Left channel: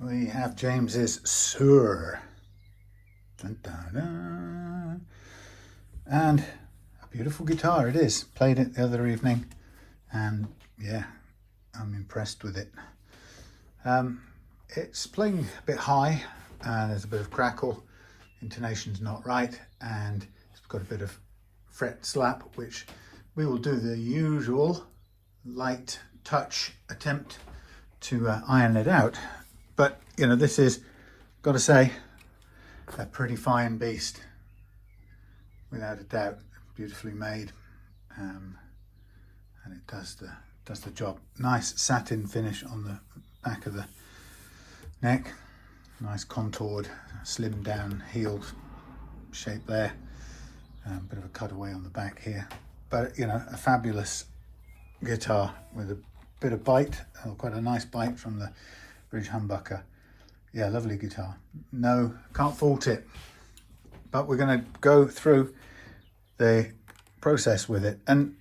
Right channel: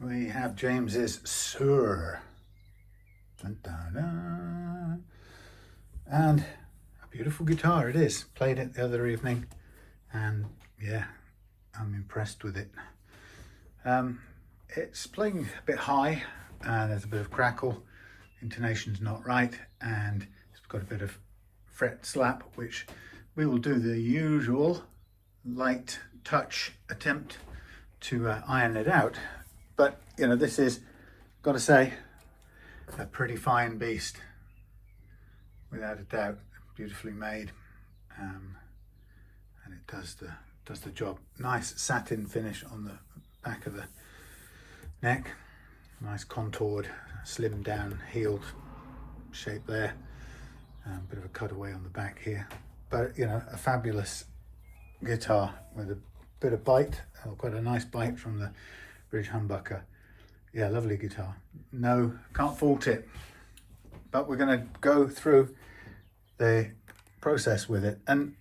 we have James's Suhr. Dun, dun, dun. And a beautiful guitar it is. Played it the other evening and yeah, I'm impressed with it. It's playing a bit high and there's a bit of crackle, intonation's not right, and it's got a bit of fret slap, which we will do the usual light touch attempt to iron it out. But you know, this is, got to say, a pretty fine beast, without a doubt. Beautifully made, and it does the job. Nice satin finish on the back of the neck, nice contoured, slimmed down heeled shape there. Bit of a cutaway on the back here, but you know, a fabulous guitar with a bit of bite, quite a nice bite from the bridge humbucker. Yeah, lovely guitar. No, can't fault it. But we're going to go through the process with it, and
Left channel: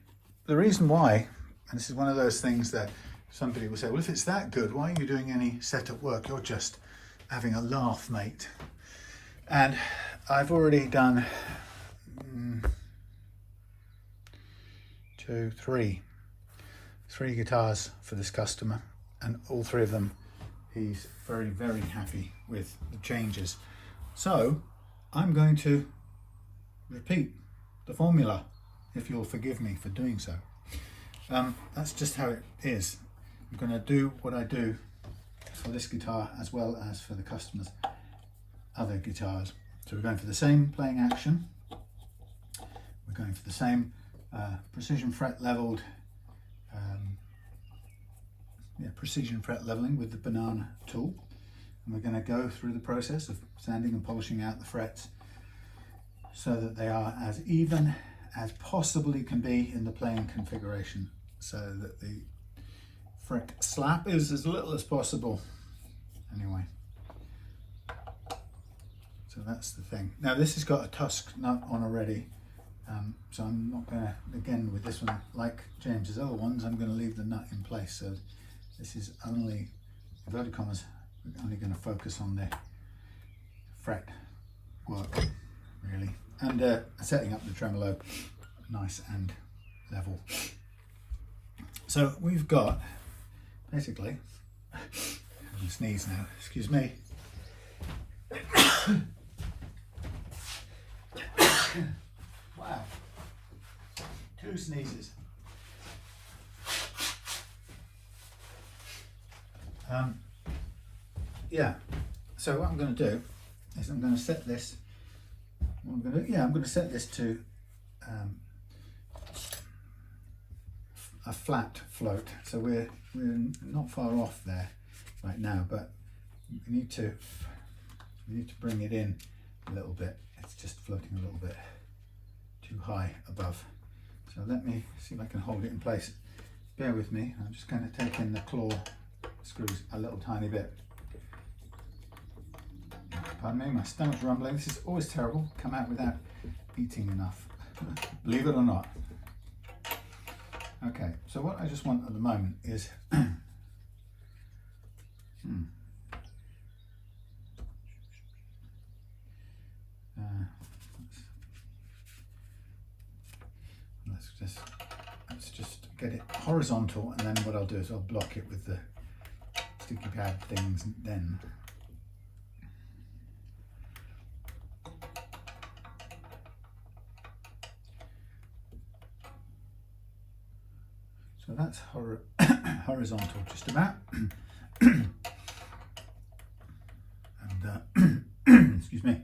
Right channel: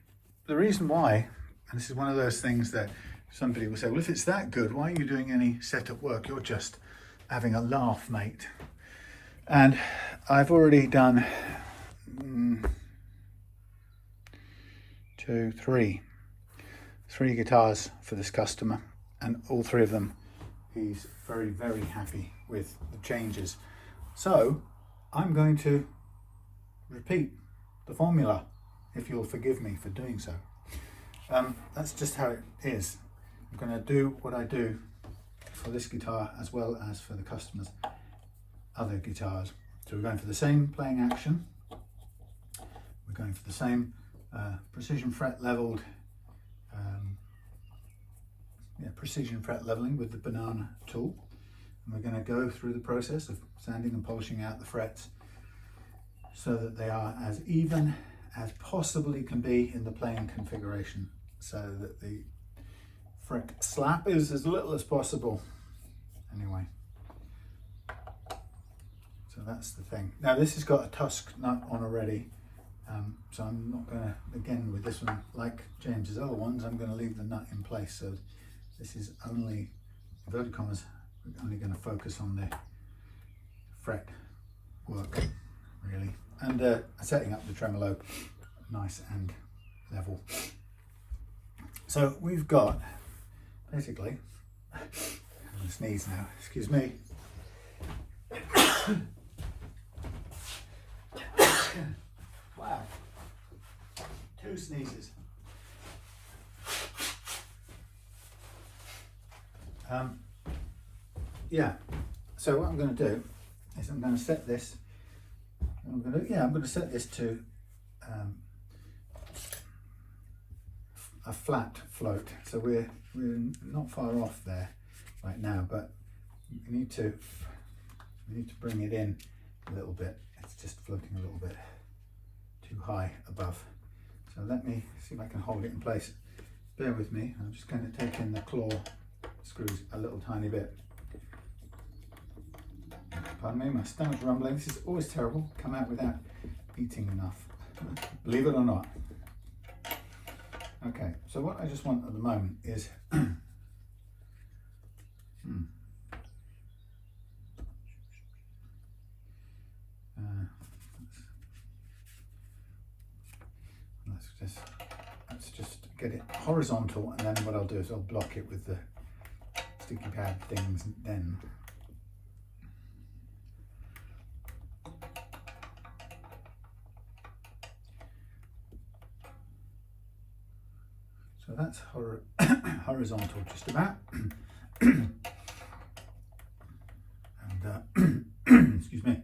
the reason why, and this is one of those things that somebody will say, well, if it's that good, why are you doing any setup work? You're just having a laugh, mate. And I've already done three guitars for this customer, and all three of them he's very, very happy with the changes. So I'm going to repeat the formula, if you'll forgive me for doing so. That's just how it is. I'm going to do what I do for this guitar as well as for the customer's other guitars. So we're going for the same playing action. We're going for the same precision fret leveled, precision fret leveling with the banana tool. And we're going to go through the process of sanding and polishing out the frets so that they are as even as possibly can be in the playing configuration, so that the fret slap is as little as possible. Anyway, so that's the thing. Now this has got a tusk nut on already, so I'm not going to, again with this one, like James's other ones, I'm going to leave the nut in place. So this is only, inverted commas, we're only going to focus on the fret work really, and setting up the tremolo nice and level. So we've got basically, I'm going to sneeze now, excuse me. Wow, 2 sneezes. Yeah, so what I'm going to do is I'm going to set this, I'm going to set this to a flat float. So we're not far off there right now, but we need to bring it in a little bit. It's just floating a little bit too high above. So let me see if I can hold it in place. Bear with me. I'm just going to take in the claw screws a little tiny bit. Pardon me, my stomach's rumbling. This is always terrible. Come out without eating enough, believe it or not. Okay, so what I just want at the moment is let's just get it horizontal, and then what I'll do is I'll block it with the sticky pad things then. So that's horizontal just about. And excuse me.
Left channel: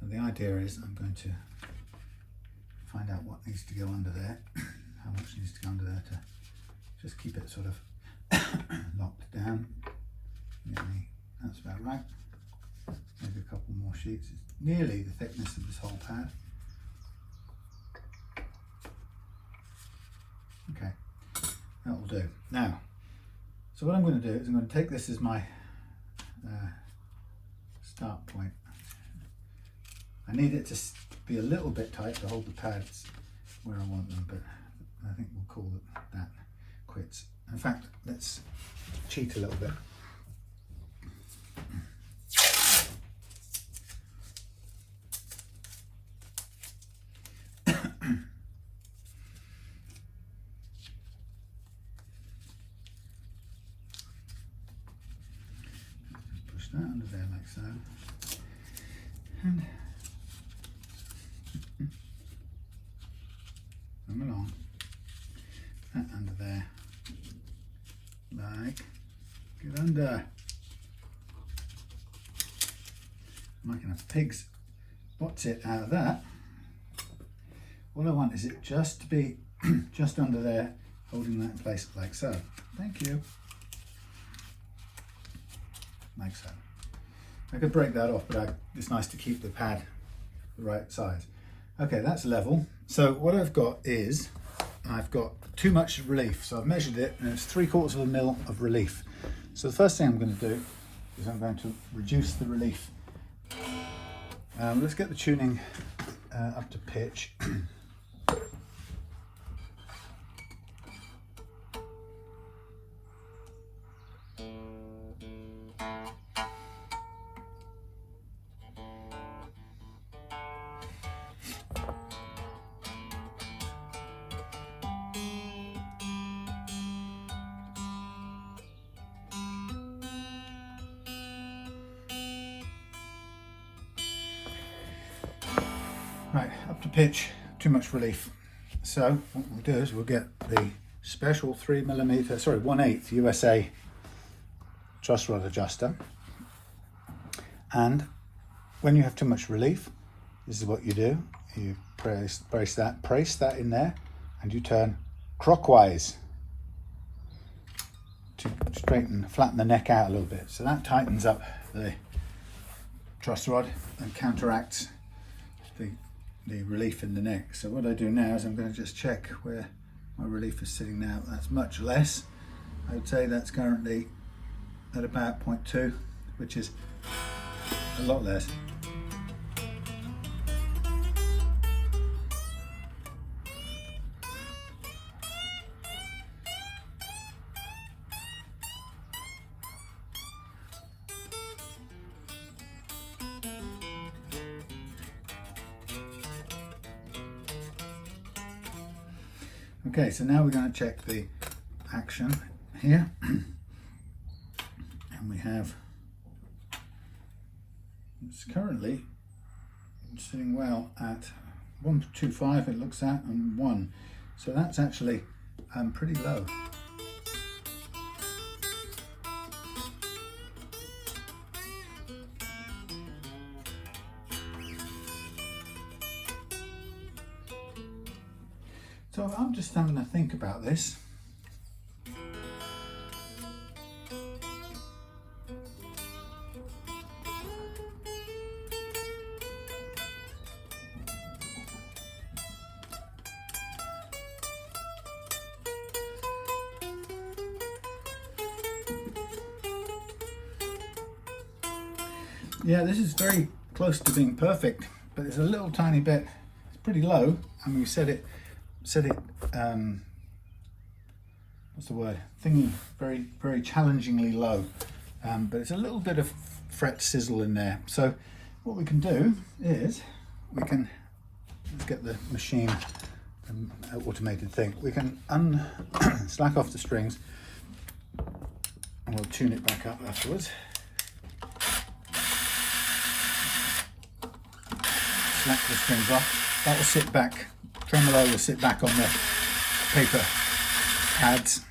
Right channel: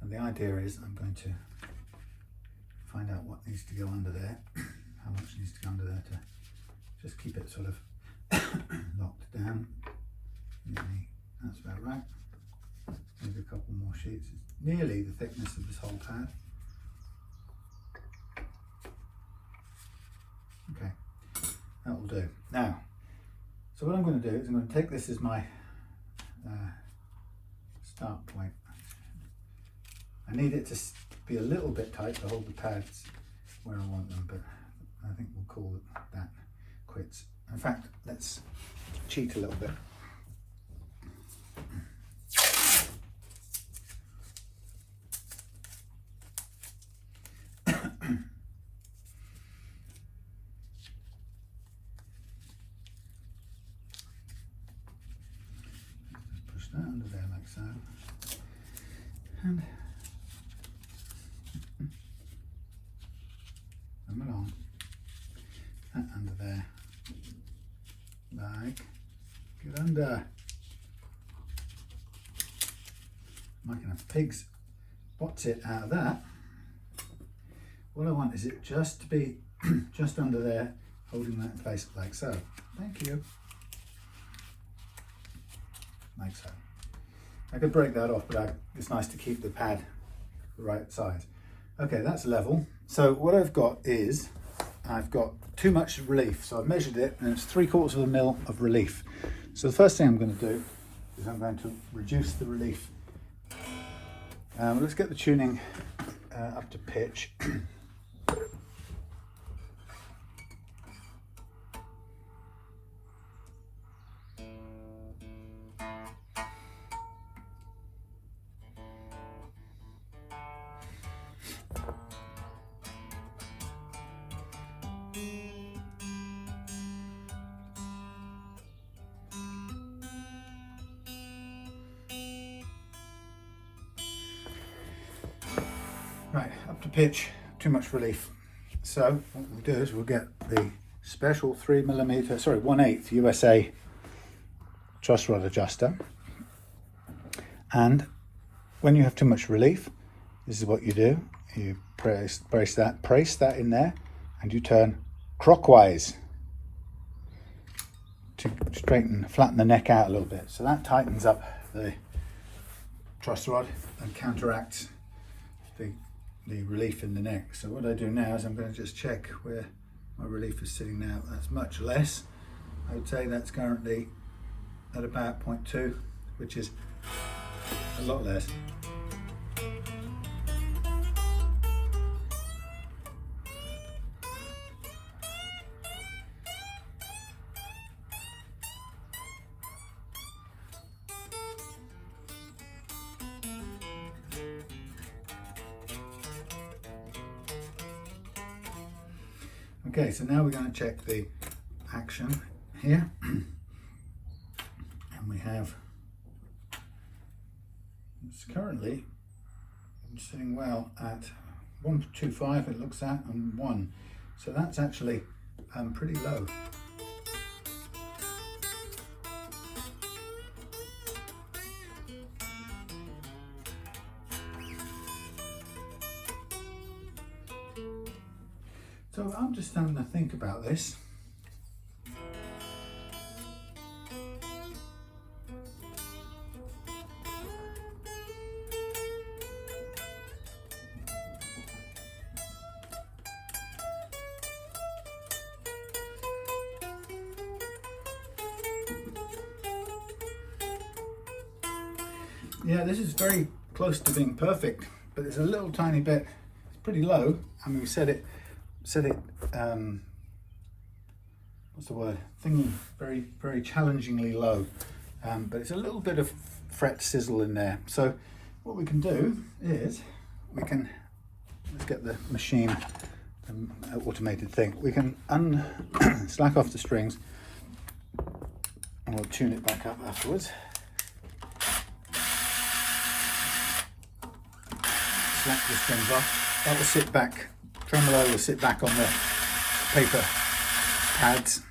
And the idea is I'm going to find out what needs to go under there, how much needs to go under there to just keep it sort of locked down. Nearly, that's about right. Maybe a couple more sheets. It's nearly the thickness of this whole pad. Okay, that will do. Now, so what I'm going to do is I'm going to take this as my start point. I need it to be a little bit tight to hold the pads where I want them, but I think we'll call that quits. In fact, let's cheat a little bit. that under there like so. And come along. That under there. Like, get under. I'm making a pig's what's-it out of that. All I want is it just to be just under there, holding that in place like so. Thank you. Like so. I could break that off, but it's nice to keep the pad the right size. Okay, that's level. So what I've got is, I've got too much relief. So I've measured it and it's 3/4 of a mil of relief. So the first thing I'm going to do is I'm going to reduce the relief. Let's get the tuning up to pitch. Right, up to pitch, too much relief. So what we'll do is we'll get the special 1/8 USA truss rod adjuster. And when you have too much relief, this is what you do. You brace that in there, and you turn clockwise to flatten the neck out a little bit. So that tightens up the truss rod and counteracts the relief in the neck. So what I do now is I'm going to just check where my relief is sitting now. That's much less. I would say that's currently at about 0.2, which is a lot less. Okay, so now we're going to check the action here, and we have, it's currently sitting well at 1.25 it looks at, and 1, so that's actually pretty low. So I'm just having to think about this. Yeah, this is very close to being perfect, but it's a little tiny bit, it's pretty low. I mean, we set it what's the word, thingy, very challengingly low, but it's a little bit of fret sizzle in there. So what we can do is let's get the machine, automated thing, we can slack off the strings and we'll tune it back up afterwards. Slack the strings off, that will sit back, tremolo will sit back on the paper pads.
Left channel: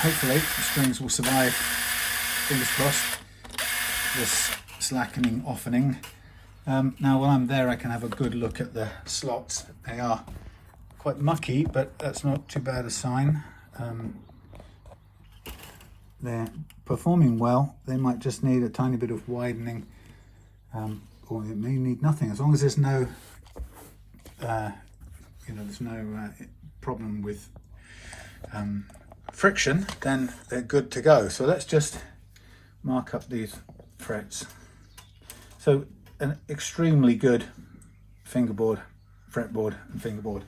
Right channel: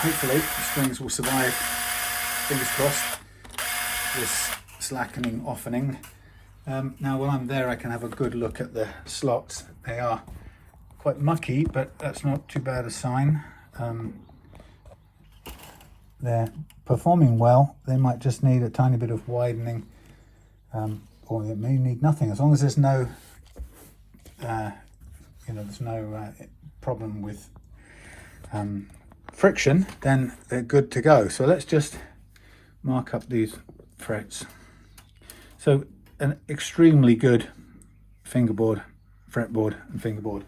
Hopefully the strings will survive, fingers crossed, this slackening, offening. Now while I'm there I can have a good look at the slots. They are quite mucky, but that's not too bad a sign. They're performing well. They might just need a tiny bit of widening, or it may need nothing. As long as there's no there's no problem with friction, then they're good to go. So let's just mark up these frets. So an extremely good fingerboard, fretboard and fingerboard.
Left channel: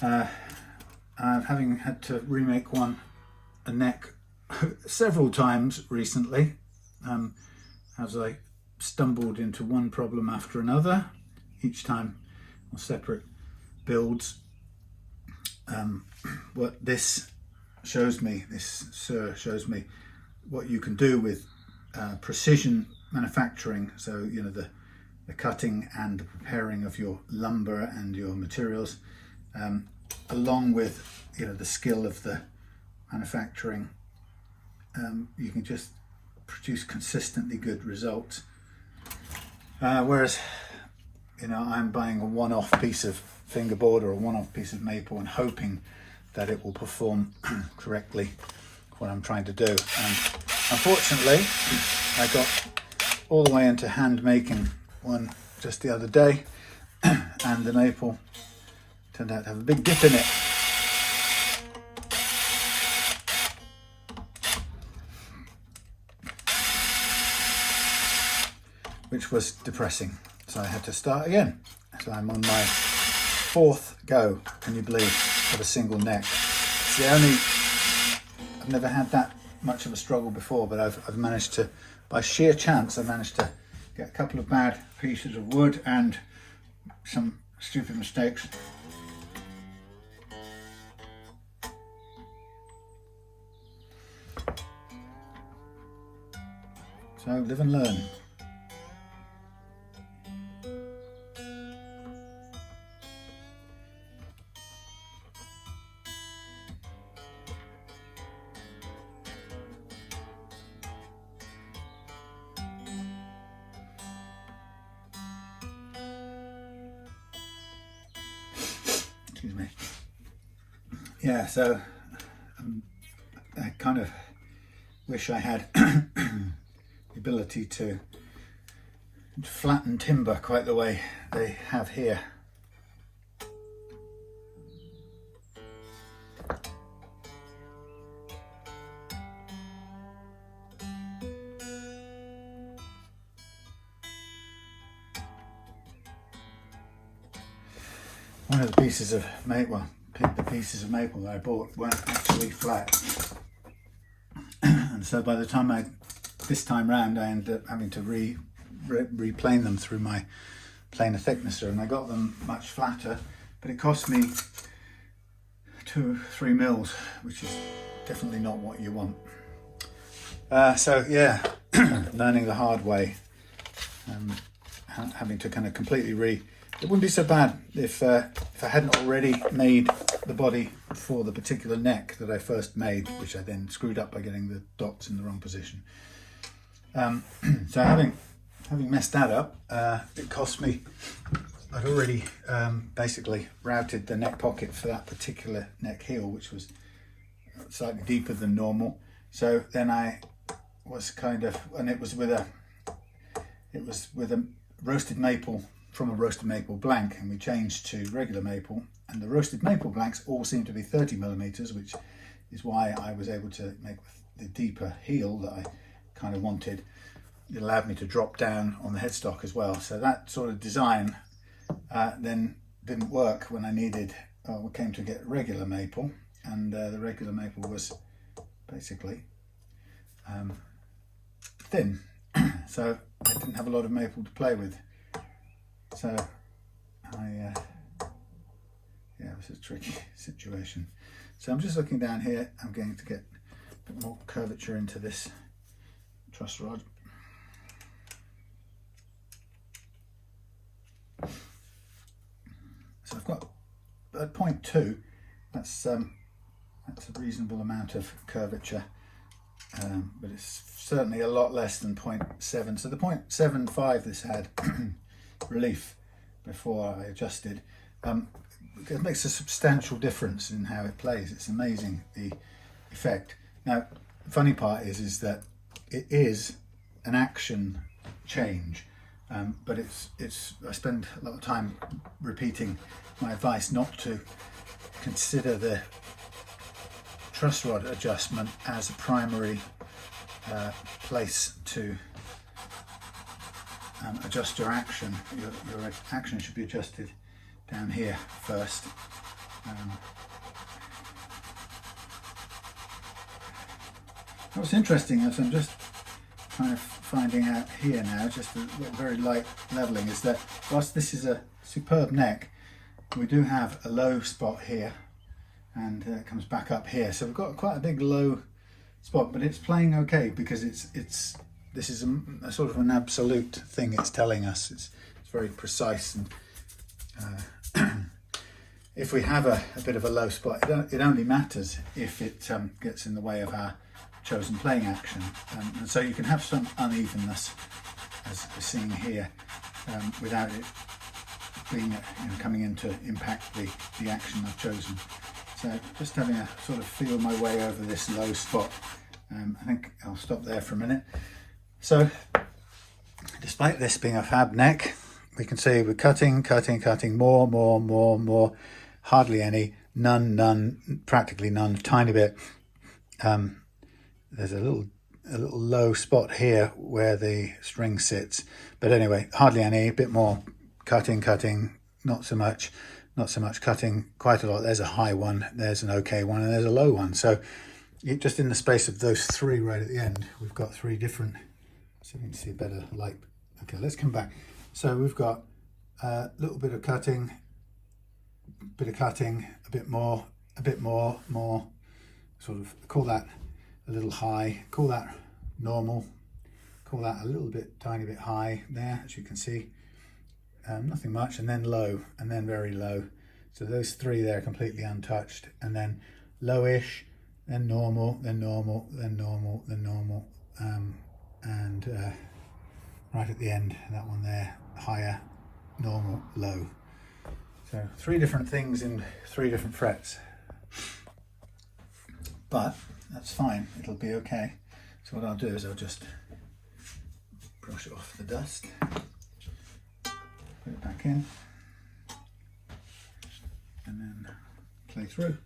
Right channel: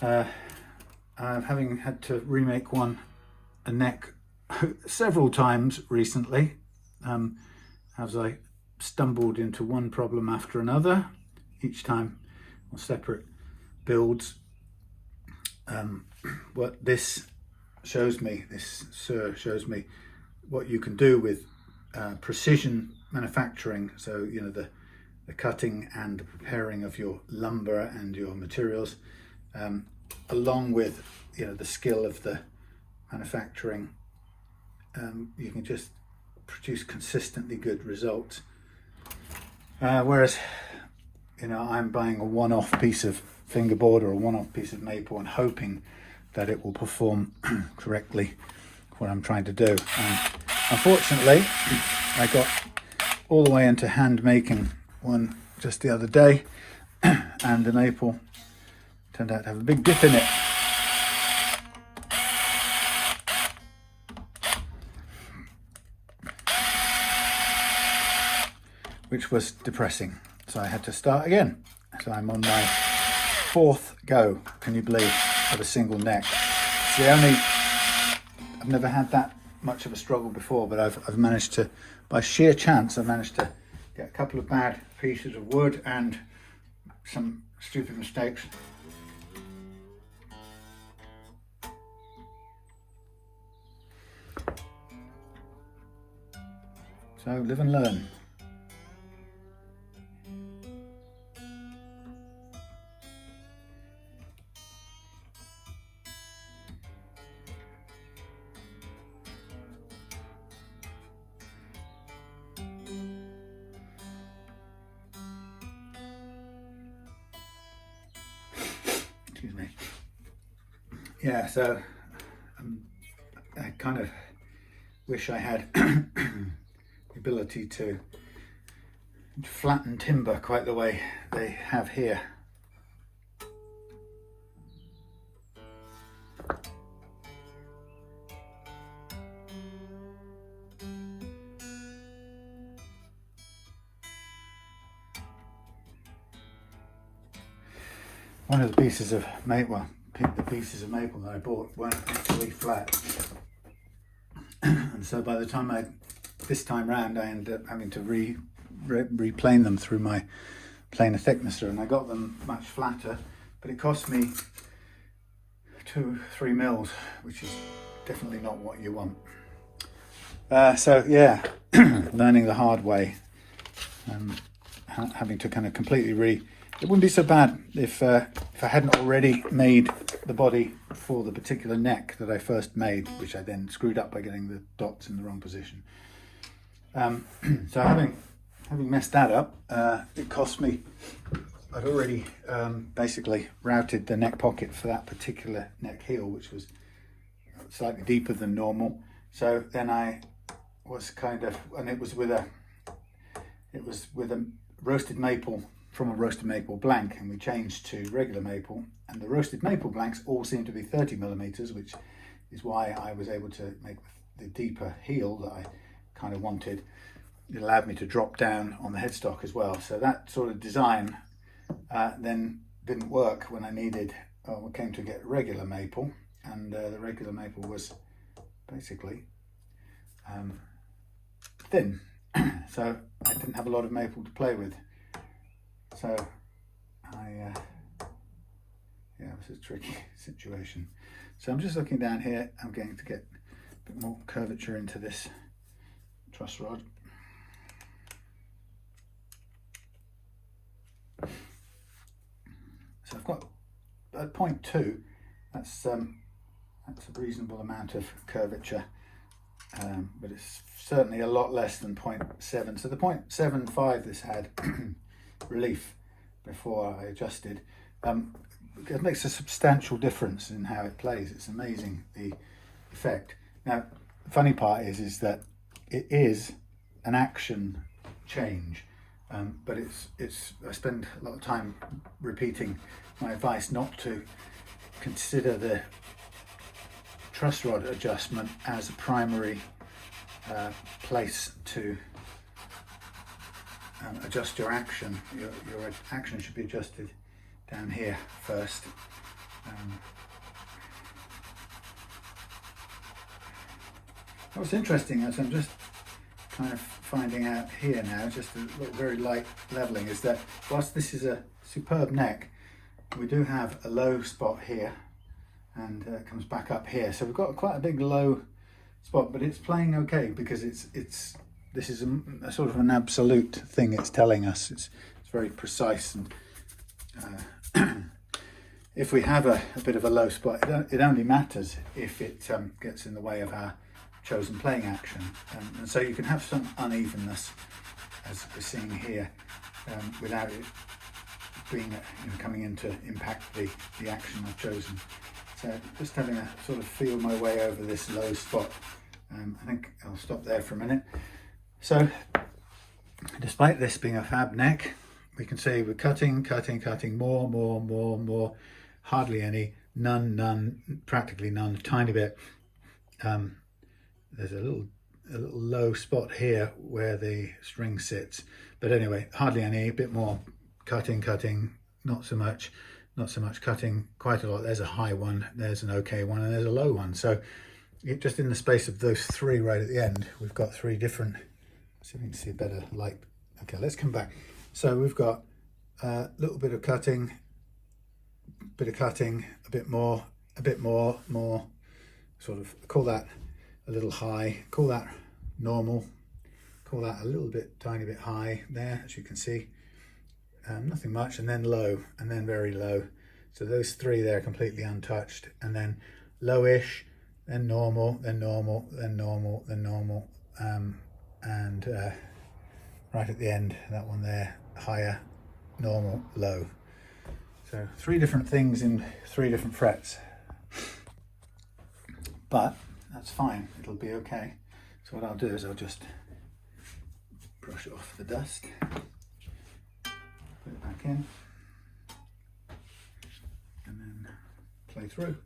Having had to remake a neck several times recently, as I stumbled into one problem after another, each time on separate builds. What this shows me, this Suhr shows me what you can do with precision manufacturing. So, you know, the cutting and the preparing of your lumber and your materials, along with, you know, the skill of the manufacturing. You can just produce consistently good results. Whereas, you know, I'm buying a one-off piece of fingerboard or a one-off piece of maple and hoping that it will perform correctly what I'm trying to do. And unfortunately, I got all the way into hand making one just the other day, and the maple turned out to have a big dip in it. Which was depressing, so I had to start again. So I'm on my 4th go, can you believe, of a single neck. I've never had that much of a struggle before, but I've managed to, by sheer chance, I've managed to get a couple of bad pieces of wood and some stupid mistakes. So live and learn. Excuse me. Yeah, so I kind of wish I had the ability to flatten timber quite the way they have here. One of the pieces of maple, the pieces of maple that I bought weren't actually flat, and so by the time this time round, I ended up having to replane them through my planer thicknesser, and I got them much flatter, but it cost me 2-3 mils, which is definitely not what you want. So yeah, learning the hard way, having to kind of completely it wouldn't be so bad if I hadn't already made the body for the particular neck that I first made, which I then screwed up by getting the dots in the wrong position. So having messed that up, it cost me, I'd already basically routed the neck pocket for that particular neck heel, which was slightly deeper than normal. So then I was kind of, and it was with a roasted maple, from a roasted maple blank, and we changed to regular maple, and the roasted maple blanks all seem to be 30 millimeters, which is why I was able to make the deeper heel that I kind of wanted. It allowed me to drop down on the headstock as well. So that sort of design then didn't work when I came to get regular maple, and the regular maple was basically thin, so I didn't have a lot of maple to play with. So yeah, it was a tricky situation. So I'm just looking down here. I'm going to get a bit more curvature into this truss rod. So I've got at 0.2, that's a reasonable amount of curvature, but it's certainly a lot less than 0.7. So the 0.75 this had relief before I adjusted. It makes a substantial difference in how it plays. It's amazing, the effect. Now, the funny part is that it is an action change, but I spend a lot of time repeating my advice not to consider the truss rod adjustment as a primary place to adjust your action. Your action should be adjusted down here first. What's interesting is I'm just kind of finding out here now, just a very light leveling, is that whilst this is a superb neck, we do have a low spot here, and it comes back up here. So we've got quite a big low spot, but it's playing okay because this is a sort of an absolute thing it's telling us. It's very precise, and if we have a bit of a low spot, it only matters if it gets in the way of our chosen playing action. And so you can have some unevenness, as we're seeing here, without it being coming in to impact the action I've chosen. So just having a sort of feel my way over this low spot. I think I'll stop there for a minute. So despite this being a fab neck, we can see we're cutting, more, hardly any, none, practically none, tiny bit. There's a little low spot here where the string sits, but anyway, hardly any, a bit more, cutting, not so much, cutting, quite a lot. There's a high one, there's an okay one, and there's a low one. So just in the space of those three right at the end, we've got three different, see if we can see a better light. Okay, let's come back. So we've got a little bit of cutting, a bit more, more, sort of call that a little high, call that normal, call that a little bit, tiny bit high there, as you can see. Nothing much, and then low, and then very low. So those three there completely untouched, and then lowish, then normal, then normal, then normal, then normal, and right at the end, that one there, higher, normal, low. So three different things in three different frets, but that's fine, it'll be okay. So what I'll do is I'll just brush it off the dust, put it back in, and then play through.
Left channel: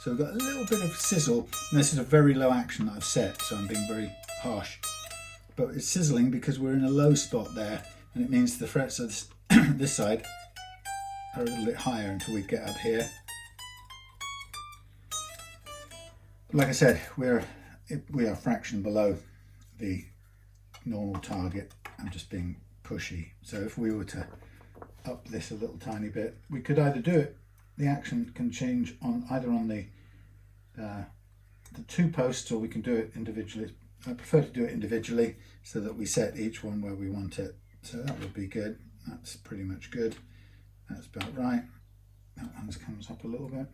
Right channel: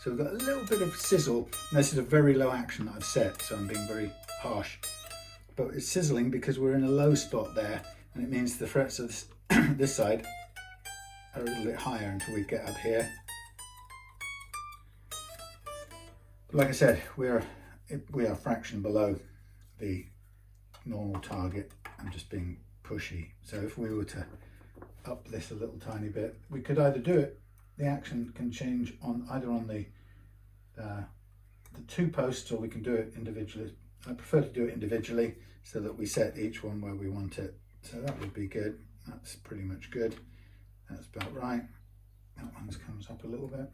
So we've got a little bit of sizzle, and this is a very low action that I've set, so I'm being very harsh. But it's sizzling because we're in a low spot there, and it means the frets of this side are a little bit higher until we get up here. But like I said, we are a fraction below the normal target. I'm just being pushy. So if we were to up this a little tiny bit, we could either do it, the action can change on either on the two posts, or we can do it individually. I prefer to do it individually so that we set each one where we want it. So that would be good. That's pretty much good. That's about right. That one comes up a little bit.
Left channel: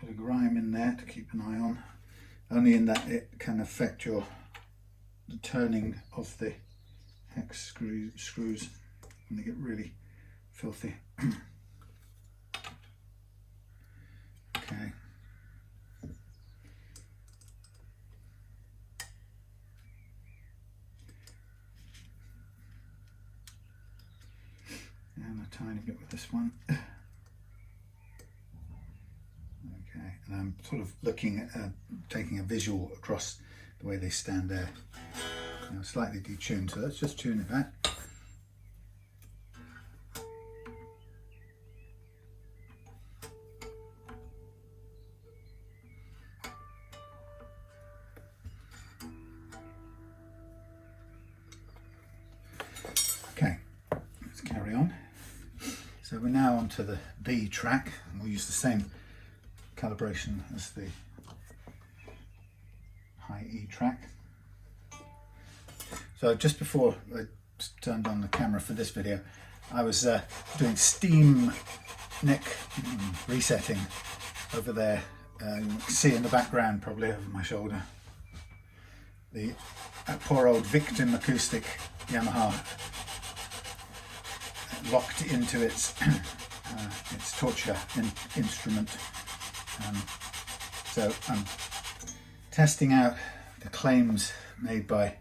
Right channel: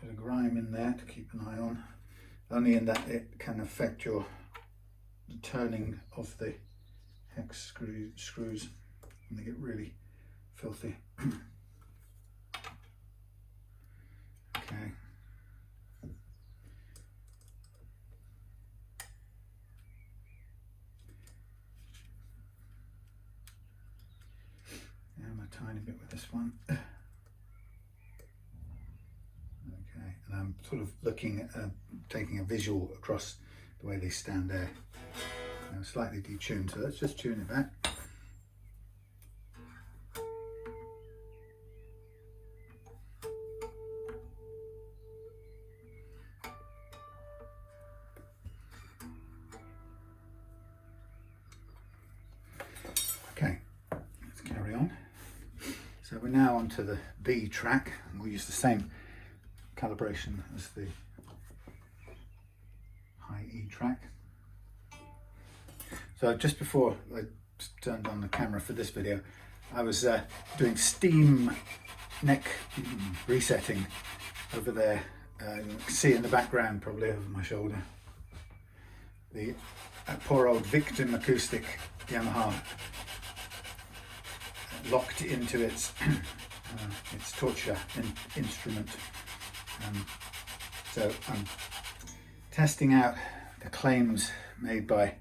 Bit of grime in there to keep an eye on. Only in that it can affect the turning of the hex screws when they get really filthy. Okay. And a tiny bit with this one. Okay, and I'm sort of looking at taking a visual across the way they stand there. Now slightly detuned, so let's just tune it back. Okay, let's carry on. So we're now onto the B track, and we'll use the same calibration as the high E track. So just before I turned on the camera for this video, I was doing steam neck resetting over there. You can see in the background, probably over my shoulder, the poor old victim acoustic Yamaha locked into its torture instrument. So I'm testing out the claims made by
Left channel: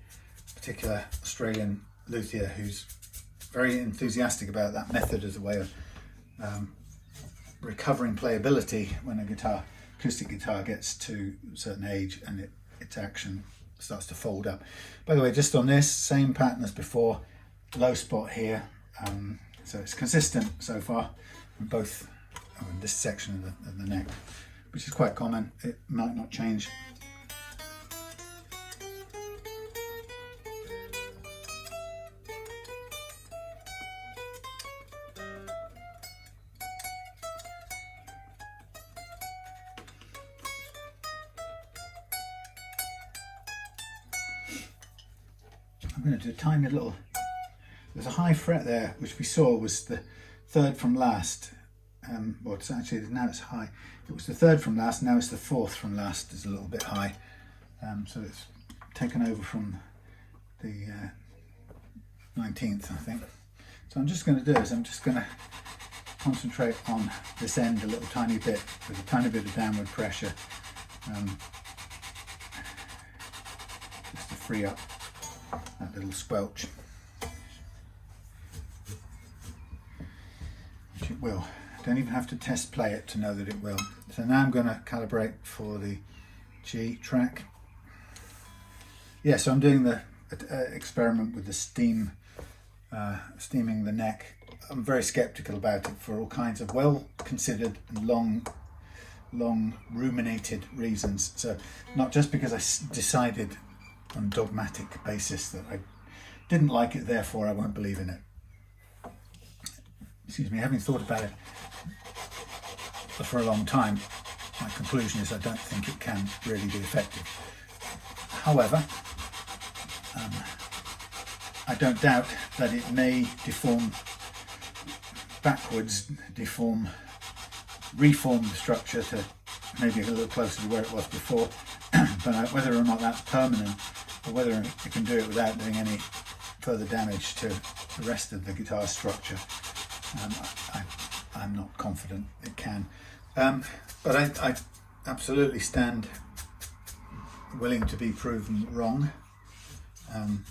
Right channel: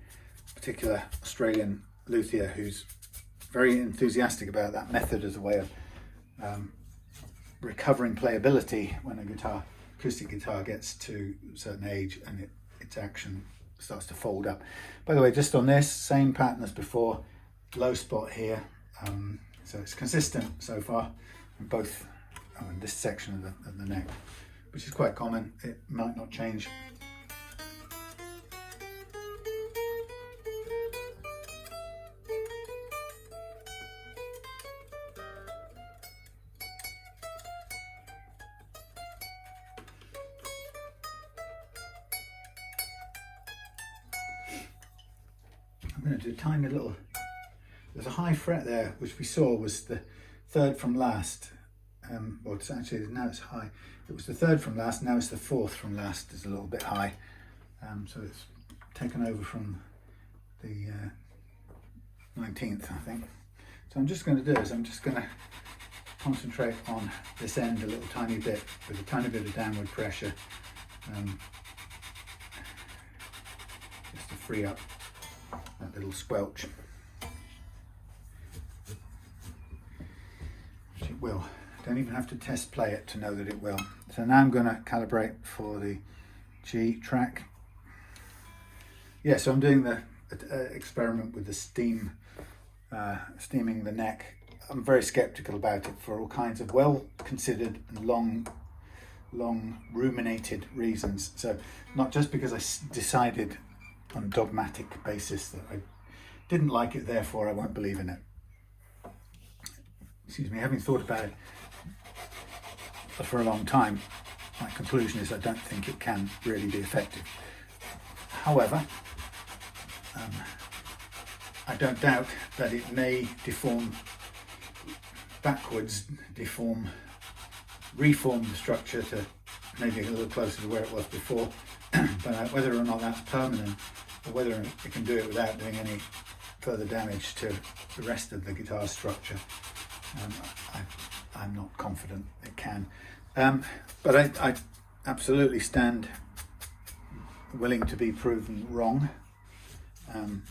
particular Australian luthier who's very enthusiastic about that method as a way of recovering playability when a acoustic guitar gets to a certain age and its action starts to fold up. By the way, just on this, same pattern as before, low spot here, so it's consistent so far in both this section of the neck. which is quite common. It might not change. I'm going to do a tiny little, there's a high fret there, which we saw was the third from last. Well, it's actually, now it's high. It was the third from last, now it's the fourth from last. It's a little bit high. So it's taken over from the 19th, I think. So I'm just going to do is I'm just going to concentrate on this end a little tiny bit with a tiny bit of downward pressure, just to free up that little squelch, which it will. Don't even have to test play it to know that it will. So now I'm going to calibrate for the G track. Yeah, so I'm doing the experiment with the steaming the neck. I'm very skeptical about it for all kinds of well-considered and long ruminated reasons. So not just because I decided on a dogmatic basis that I didn't like it, therefore I won't believe in it. Excuse me, having thought about it for a long time, my conclusion is I don't think it can really be effective. However, I don't doubt that it may deform backwards, reform the structure to maybe a little closer to where it was before, but whether or not that's permanent, or whether it can do it without doing any further damage to the rest of the guitar structure, I'm not confident it can. But I absolutely stand willing to be proven wrong. And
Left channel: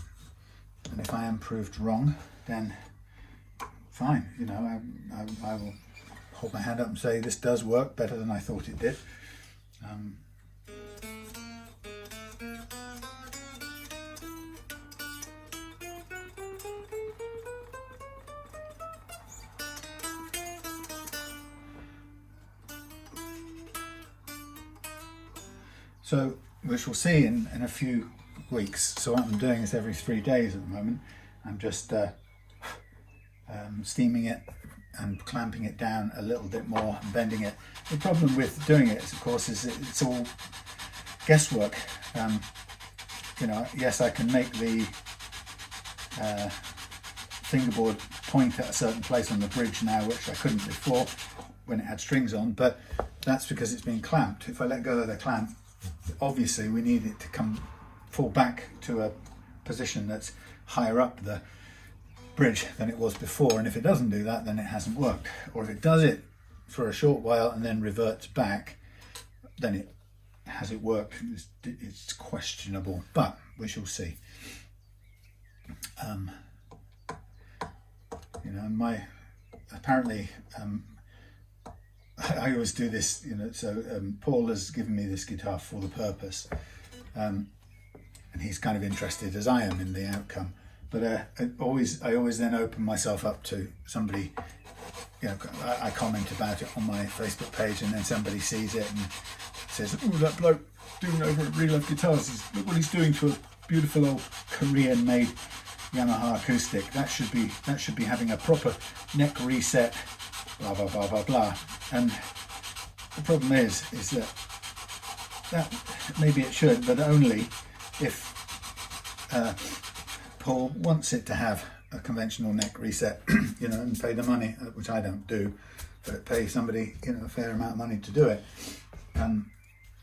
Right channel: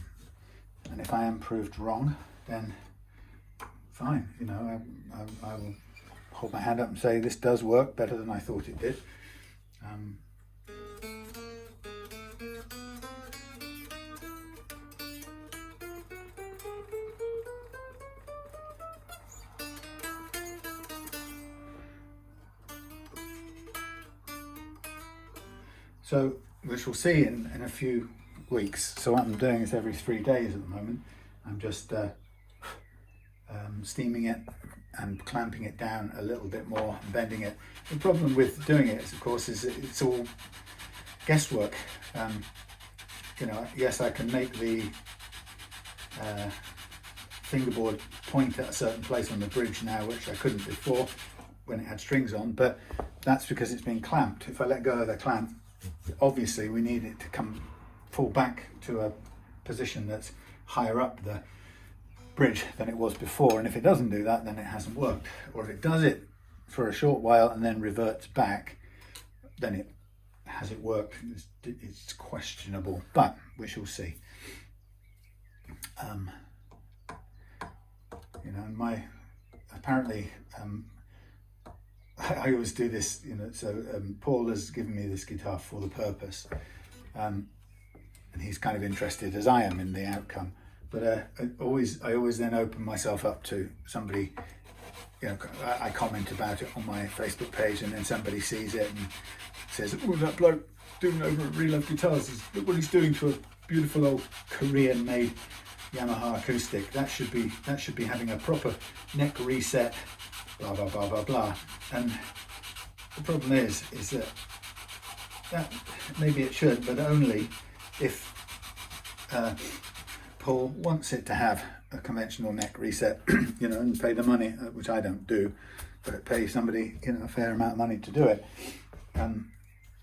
if I am proved wrong, then fine, you know, I will hold my hand up and say this does work better than I thought it did. So, which we'll see in a few weeks. So what I'm doing is every 3 days at the moment, I'm just steaming it and clamping it down a little bit more and bending it. The problem with doing it, of course, is it's all guesswork. You know, yes, I can make the fingerboard point at a certain place on the bridge now, which I couldn't before when it had strings on, but that's because it's been clamped. If I let go of the clamp, obviously we need it to fall back to a position that's higher up the bridge than it was before, and if it doesn't do that, then it hasn't worked. Or if it does it for a short while and then reverts back, then has it worked? It's questionable, but we shall see. You know, apparently I always do this, you know, so Paul has given me this guitar for the purpose, and he's kind of interested as I am in the outcome, but I always then open myself up to somebody, you know, I comment about it on my Facebook page, and then somebody sees it and says, oh, that bloke doing over at Real Love Guitars, look what he's doing to a beautiful old Korean made Yamaha acoustic. That should be having a proper neck reset, blah blah blah blah blah. And the problem is that maybe it should, but only if Paul wants it to have a conventional neck reset, you know, and pay the money, which I don't do, but pay somebody, you know, a fair amount of money to do it. And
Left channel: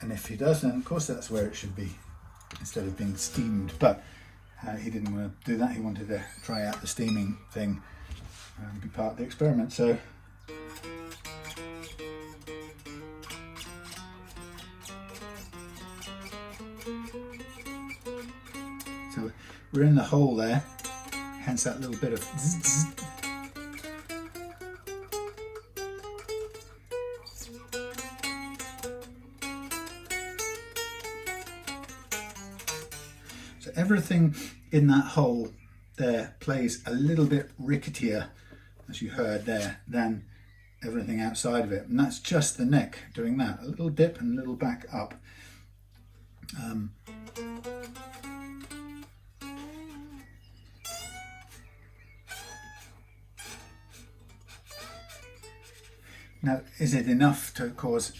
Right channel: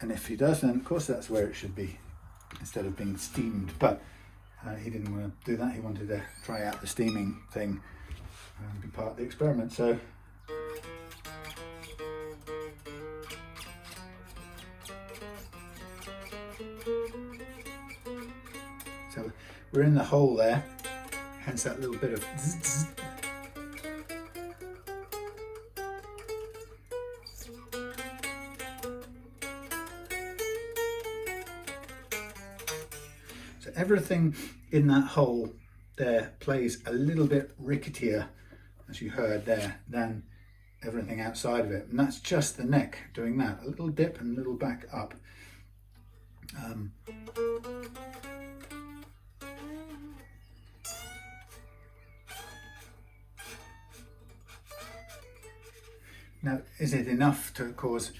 if he does, then of course that's where it should be, instead of being steamed. But he didn't want to do that. He wanted to try out the steaming thing and be part of the experiment. So we're in the hole there, hence that little bit of zzz, zzz. So everything in that hole there plays a little bit ricketier, as you heard there, than everything outside of it. And that's just the neck doing that, a little dip and a little back up. Now, is it enough to cause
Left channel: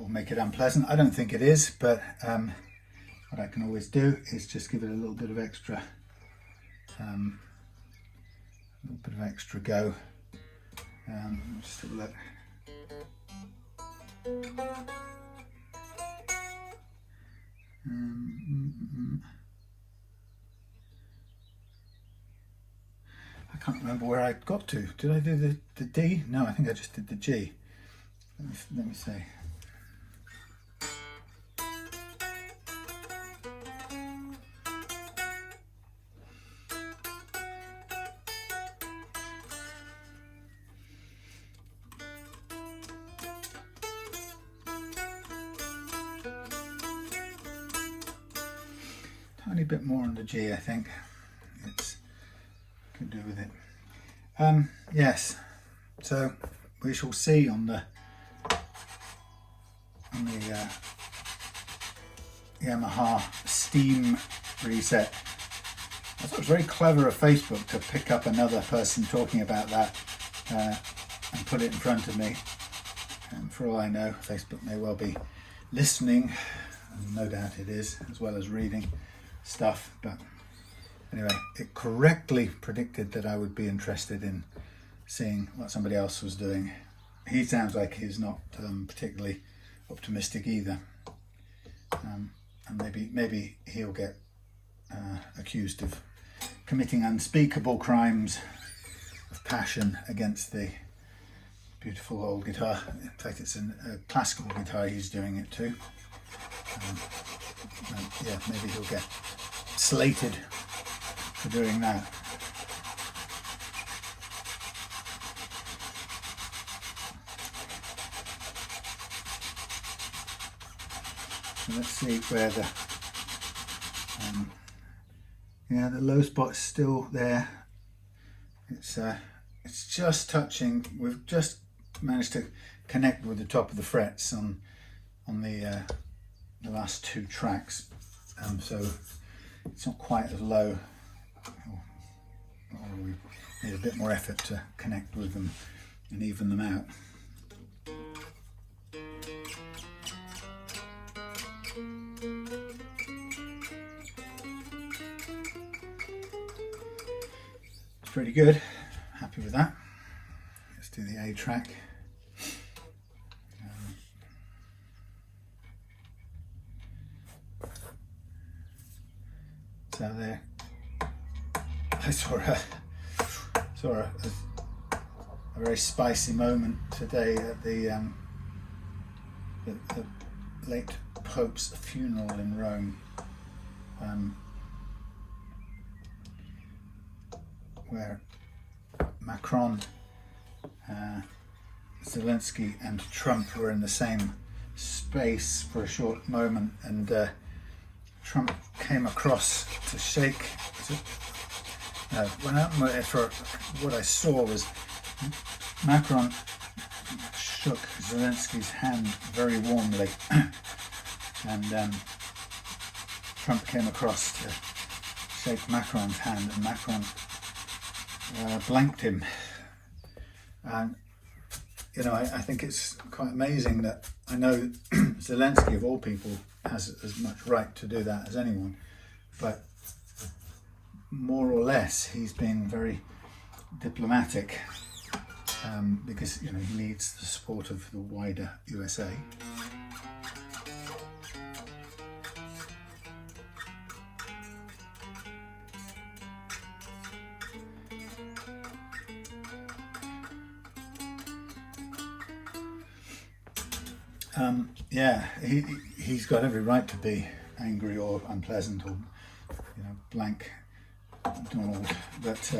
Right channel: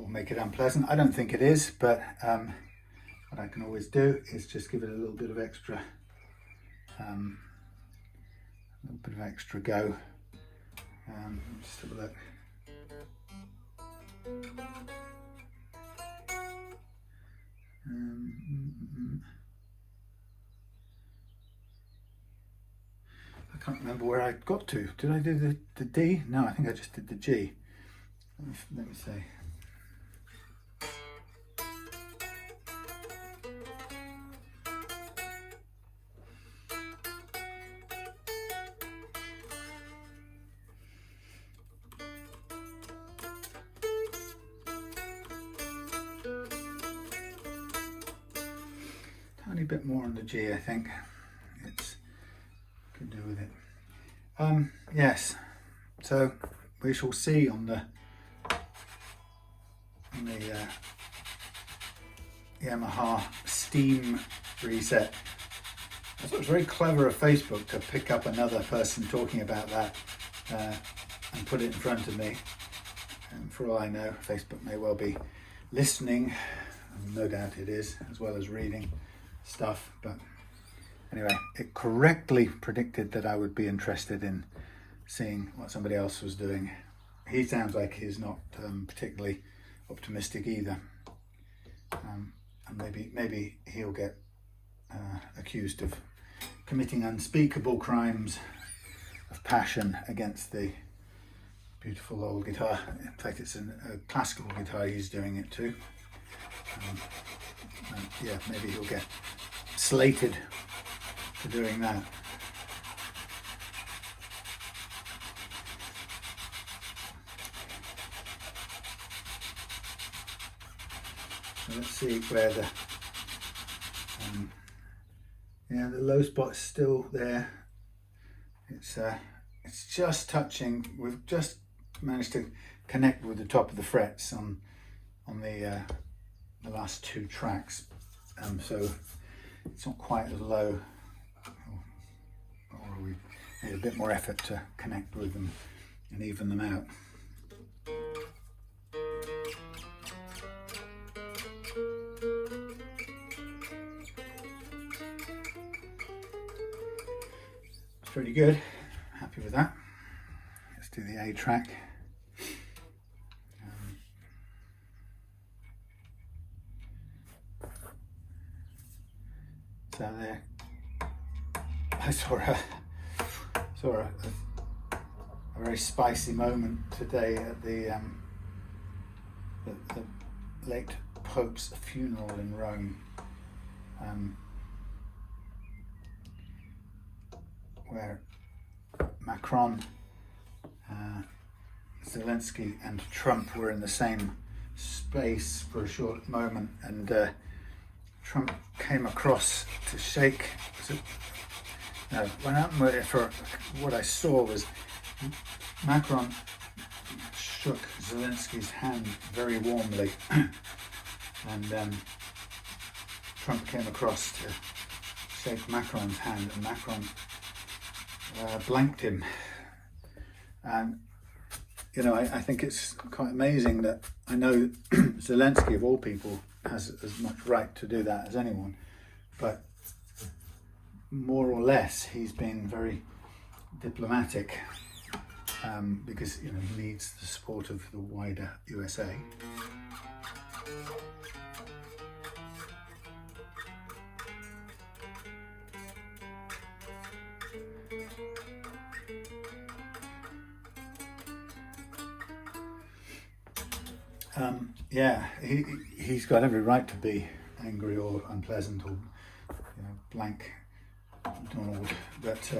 or make it unpleasant? I don't think it is, but what I can always do is just give it a little bit of extra, go. Just have a look. I can't remember where I got to. Did I do the D? No, I think I just did the G. Let me see. Tiny bit more on the G, I think. It's could do with it. Yes, so we shall see on the Yamaha Steam reset. I thought it was very clever of Facebook to pick up another person talking about that and put it in front of me. And for all I know, Facebook may well be listening, and no doubt it is, as well as reading stuff. But anyway, it correctly predicted that I would be interested in seeing what somebody else was doing. He sounds like he's not particularly optimistic either, and maybe he'll get accused of committing unspeakable crimes of passion against the beautiful old guitar. In fact, it's a classical guitar he's doing it to. Yeah, maybe he'll get slated for doing that. So let's see where the yeah, the low spot's still there. It's just touching. We've just managed to connect with the top of the frets on the last two tracks, so it's not quite as low. Or we need a bit more effort to connect with them and even them out. It's pretty good. Happy with that. Let's do the A track. So there, I saw a very spicy moment today at the late Pope's funeral in Rome, where Macron, Zelensky and Trump were in the same space for a short moment, and Trump came across to shake. For what I saw was Macron shook Zelensky's hand very warmly, and Trump came across to shake Macron's hand, and Macron blanked him. And you know, I think it's quite amazing that I know Zelensky, of all people, has as much right to do that as anyone, but more or less he's been very diplomatic, because you know he needs the support of the wider USA. Yeah, he's got every right to be angry or unpleasant or, you know, blank Donald, but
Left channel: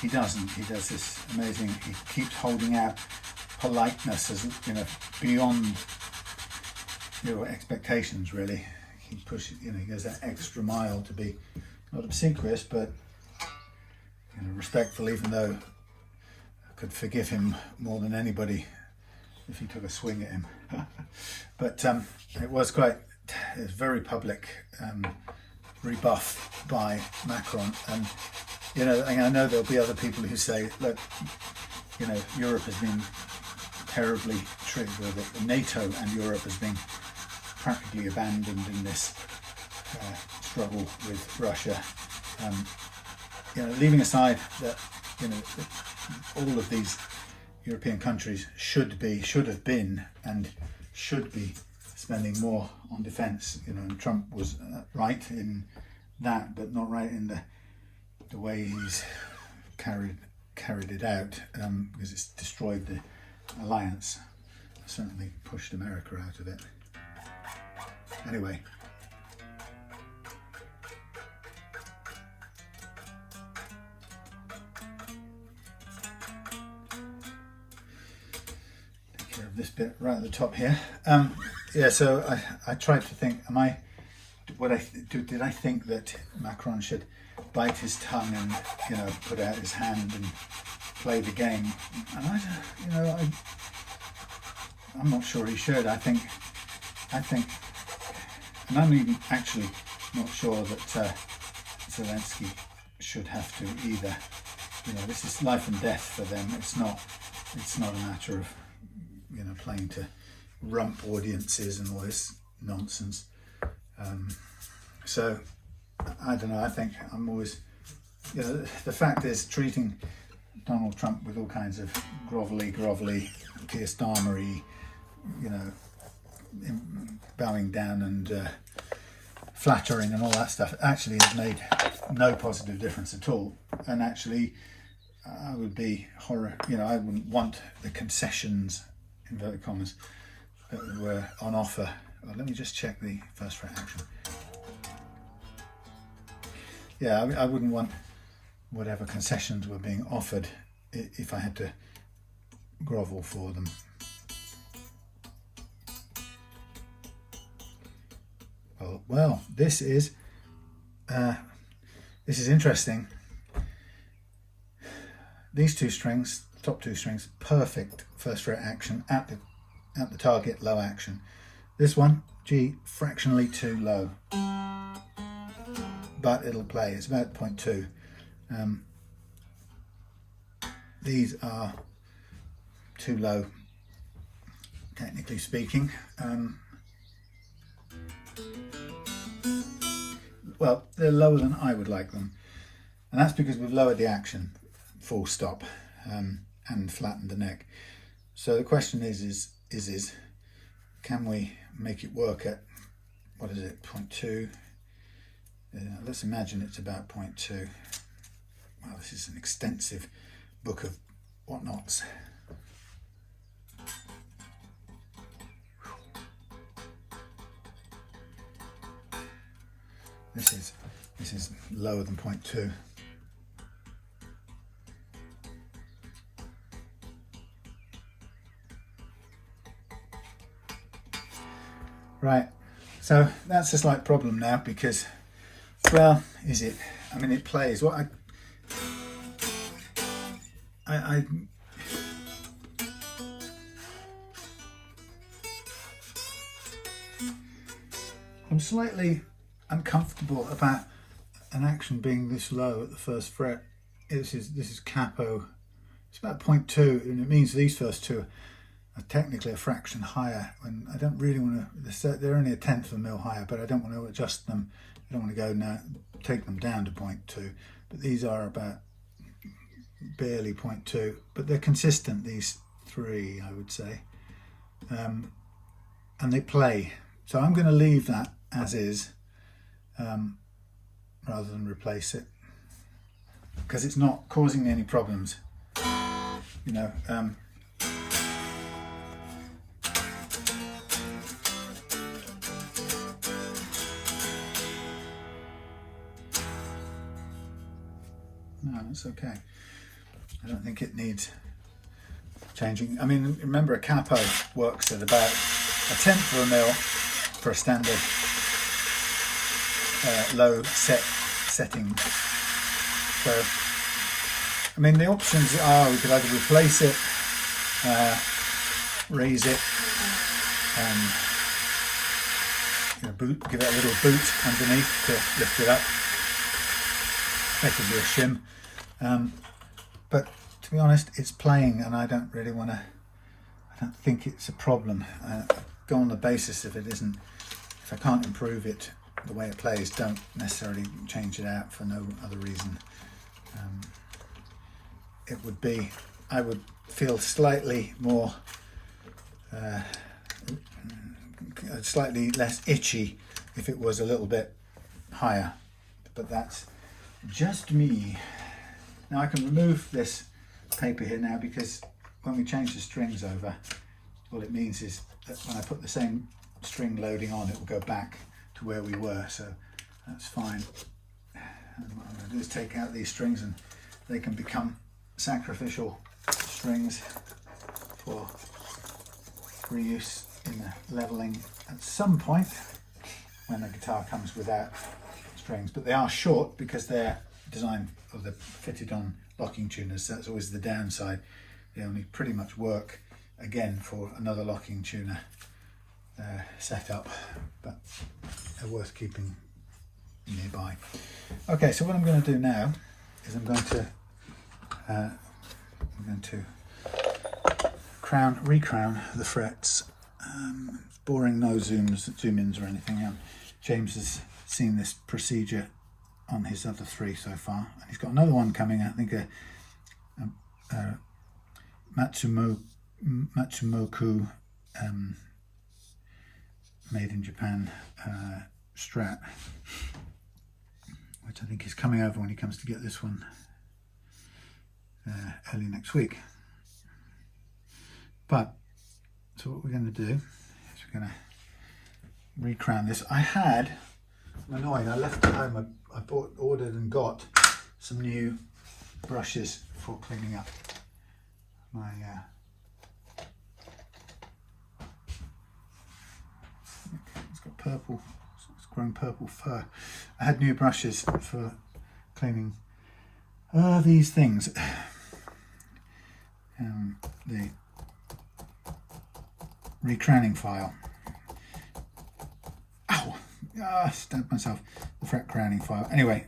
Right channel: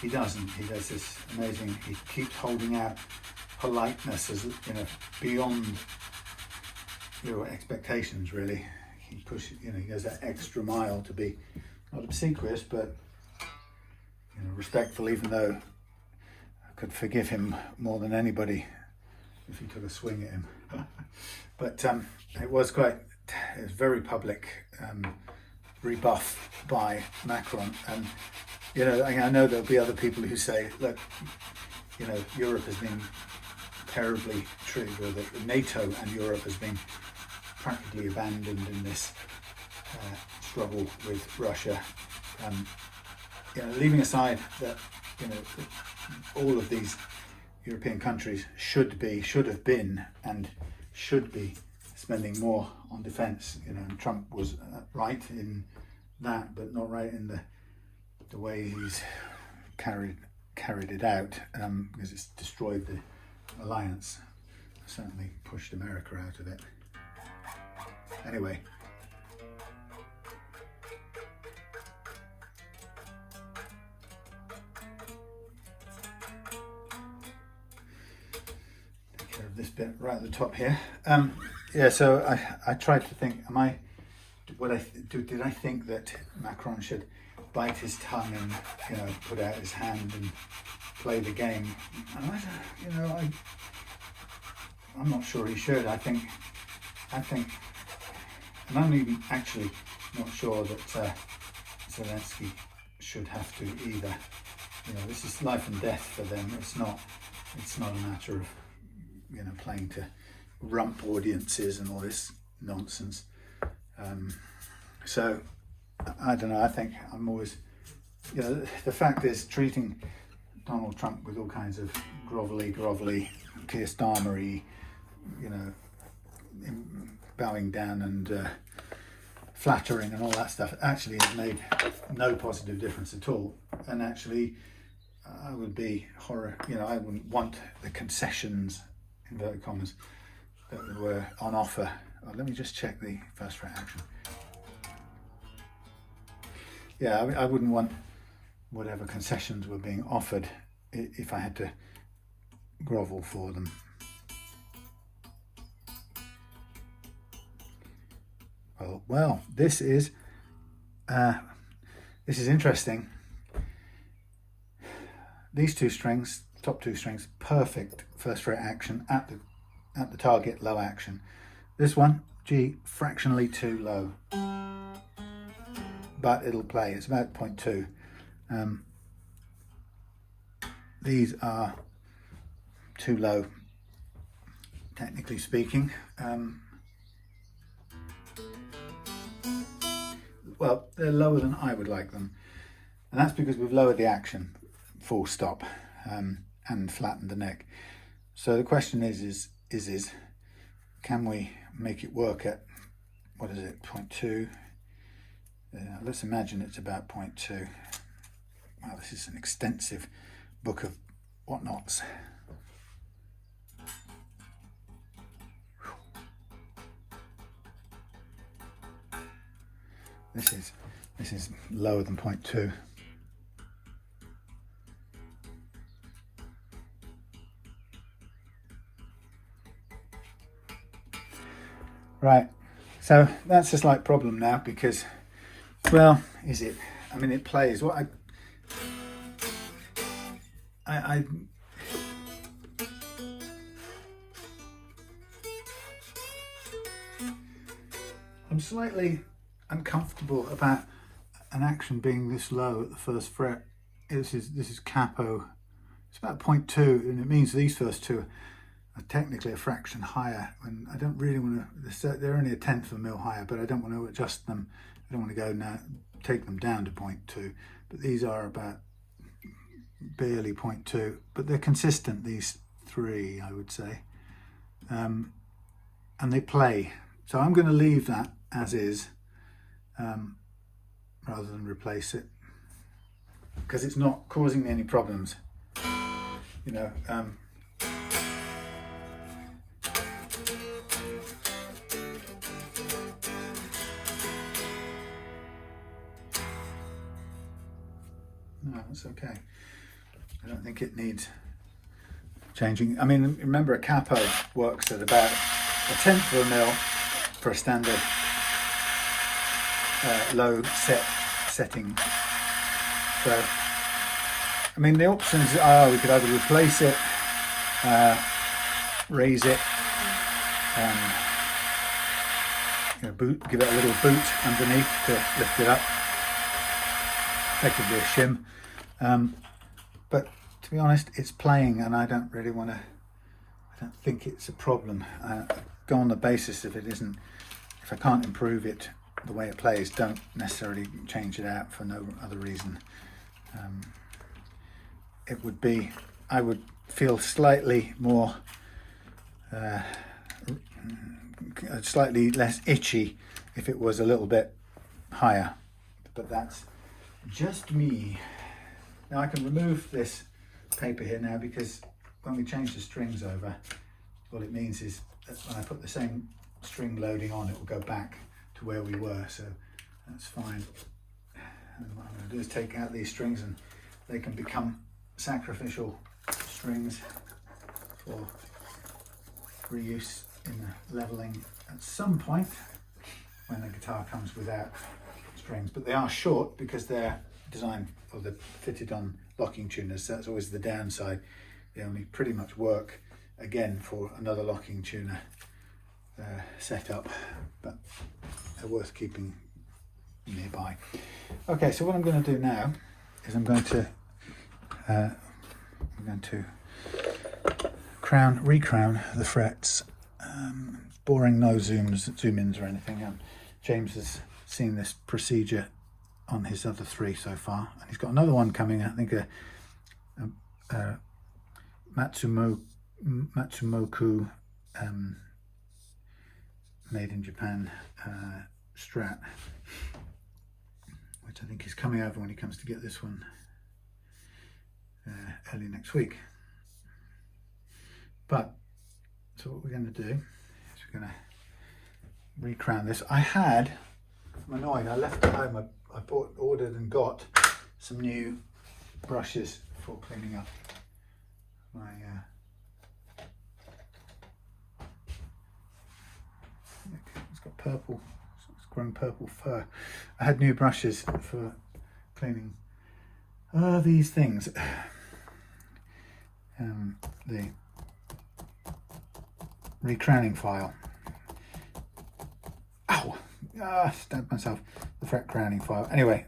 he doesn't. He does this amazing, he keeps holding out politeness as, you know, beyond your expectations, really. He pushes, you know, he goes that extra mile to be not obsequious, but, you know, respectful, even though could forgive him more than anybody if he took a swing at him. But it was very public rebuff by Macron, and you know, I know there'll be other people who say, look, you know, Europe has been terribly treated, or that NATO and Europe has been practically abandoned in this struggle with Russia. You know, leaving aside that, you know, all of these European countries should have been and should be spending more on defence. You know, and Trump was right in that, but not right in the way he's carried it out, because it's destroyed the alliance. Certainly pushed America out of it. Anyway. Take care of this bit right at the top here. Yeah, so I tried to think, did I think that Macron should bite his tongue and, you know, put out his hand and play the game? And I'm not sure he should. I think, and I'm even actually not sure that Zelensky should have to either. You know, this is life and death for them. It's not a matter of, you know, playing to rump audiences and all this nonsense. So I don't know. I think I'm always, you know, the fact is, treating Donald Trump with all kinds of grovelly, Keir Starmer-y, you know, bowing down and flattering and all that stuff actually has made no positive difference at all. And actually, I would be I wouldn't want the concessions, inverted commas, that were on offer. Oh, let me just check the first fret action. Yeah, I wouldn't want whatever concessions were being offered if I had to grovel for them. Well, this is interesting. These two strings, top two strings, perfect first fret action at the target, low action. This one, G, fractionally too low, but it'll play. It's about 0.2. These are too low, technically speaking. Well, they're lower than I would like them, and that's because we've lowered the action, full stop, and flattened the neck. So the question is can we make it work at, what is it, 0.2? Let's imagine it's about 0.2. Wow, this is an extensive book of whatnots. This is lower than 0.2. Right, so that's a slight problem now because, well, is it? I mean, it plays. What I'm slightly uncomfortable about an action being this low at the first fret. This is capo. It's about 0.2, and it means these first two are technically a fraction higher. And I don't really want to. They're only a tenth of a mil higher, but I don't want to adjust them. I don't want to go now, take them down to 0.2. But these are about barely 0.2, but they're consistent. These three, I would say, and they play. So I'm going to leave that as is, rather than replace it, because it's not causing me any problems. You know, no, it's okay. I don't think it needs changing. I mean, remember, a capo works at about a tenth of a mil for a standard low setting. So I mean, the options are we could either replace it, raise it, give it a little boot underneath to lift it up, effectively a shim. But to be honest, it's playing, and I don't really want to. I don't think it's a problem. Go on the basis if it isn't. If I can't improve it the way it plays, don't necessarily change it out for no other reason. It would be, I would feel slightly more, slightly less itchy if it was a little bit higher, but that's just me. Now I can remove this paper here now, because when we change the strings over, all it means is that when I put the same string loading on, it will go back to where we were, so that's fine. And what I'm going to do is take out these strings, and they can become sacrificial strings for reuse in the leveling at some point when the guitar comes without strings. But they are short because they're designed, or they're fitted on locking tuners. That's always the downside. They only pretty much work again for another locking tuner setup, but they're worth keeping nearby. Okay, so what I'm going to do now is I'm going to recrown the frets. Boring, no zoom-ins or anything. James has seen this procedure on his other 3 so far, and he's got another one coming. I think a Matsumoku made in Japan Strat, which I think is coming over when he comes to get this one early next week. But so what we're going to do is we're going to recrown this. I'm annoyed, I left at home. I ordered and got some new brushes for cleaning up my it's got purple, it's grown purple fur. I had new brushes for cleaning these things. The recrowning file. Ow! Stabbed myself. The fret crowning file. Anyway,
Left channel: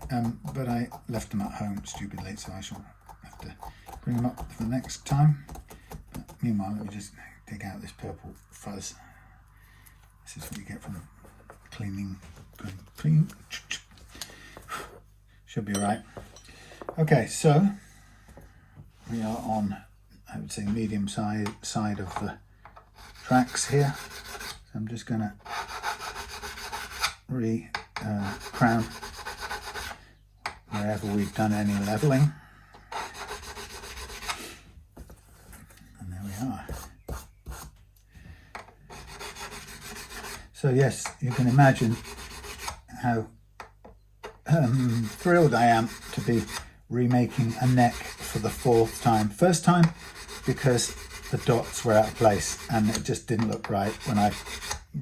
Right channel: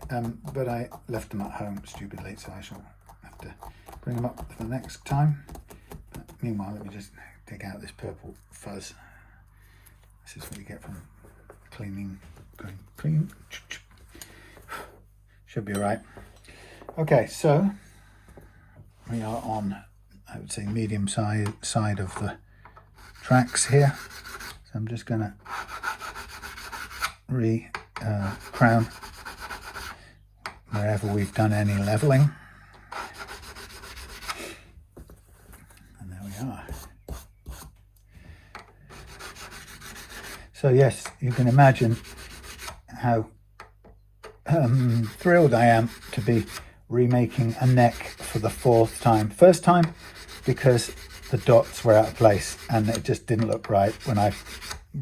but I left them at home stupidly, so I shall have to bring them up for the next time. But meanwhile, let me just take out this purple fuzz. This is what you get from cleaning. Clean. Should be right. Okay, so we are on, I would say, medium side of the tracks here. So I'm just going to crown wherever we've done any leveling. And there we are. So yes, you can imagine how thrilled I am to be remaking a neck for the 4th time. First time because the dots were out of place and it just didn't look right when I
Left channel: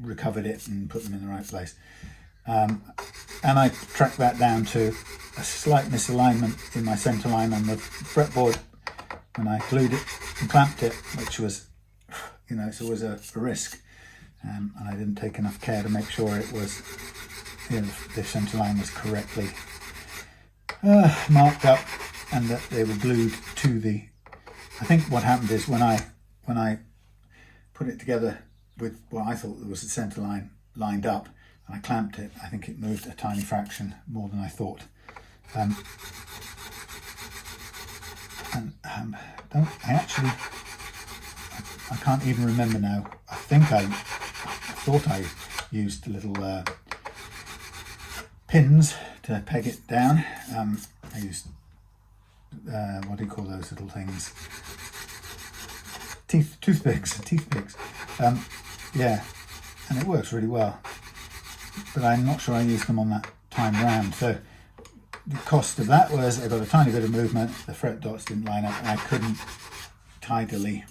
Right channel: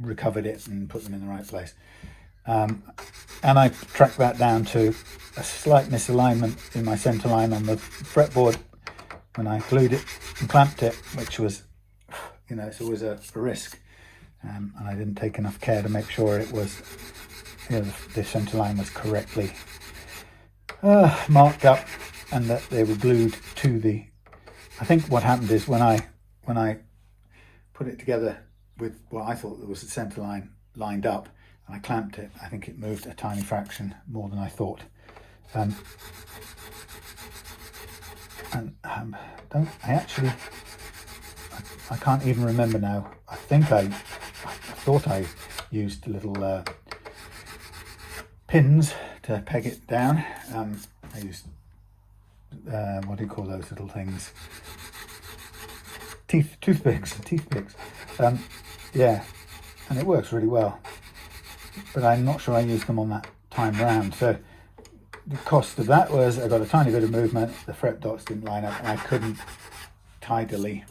recovered it and put them in the right place. And I tracked that down to a slight misalignment in my center line on the fretboard when I glued it and clamped it, which was, you know, it's always a risk. And I didn't take enough care to make sure it was, you know, the center line was correctly marked up and that they were glued to the. I think what happened is when I put it together with what I thought there was the center line lined up, and I clamped it, I think it moved a tiny fraction more than I thought. I can't even remember now. I thought I used little pins to peg it down. I used what do you call those little things? Toothpicks. Yeah, and it works really well. But I'm not sure I used them on that time round. So the cost of that was I got a tiny bit of movement, the fret dots didn't line up, and I couldn't tidily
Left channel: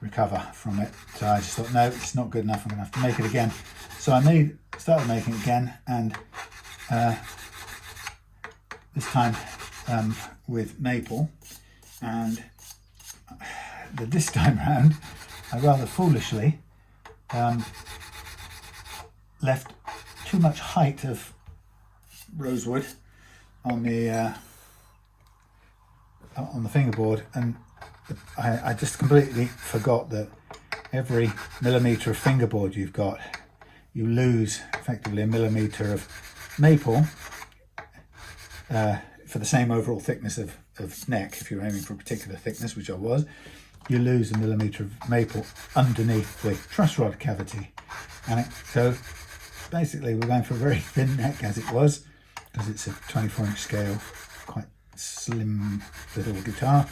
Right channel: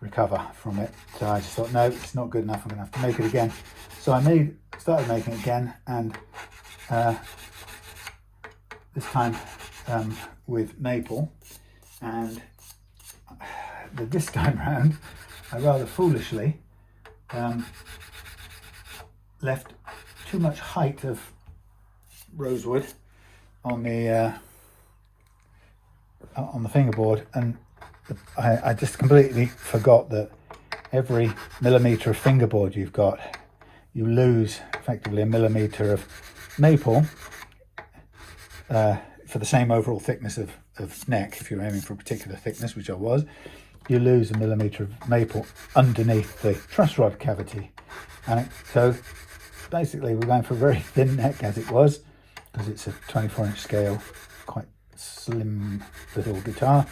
recover from it. So I just thought, no, it's not good enough, I'm gonna have to make it again. So I started making it again, and this time with maple, and this time round I rather foolishly left too much height of rosewood on the fingerboard, and I just completely forgot that every millimetre of fingerboard you've got, you lose effectively a millimetre of maple for the same overall thickness of neck. If you're aiming for a particular thickness, which I was, you lose a millimetre of maple underneath the truss rod cavity. And so basically we're going for a very thin neck as it was, because it's a 24-inch scale, quite slim little guitar.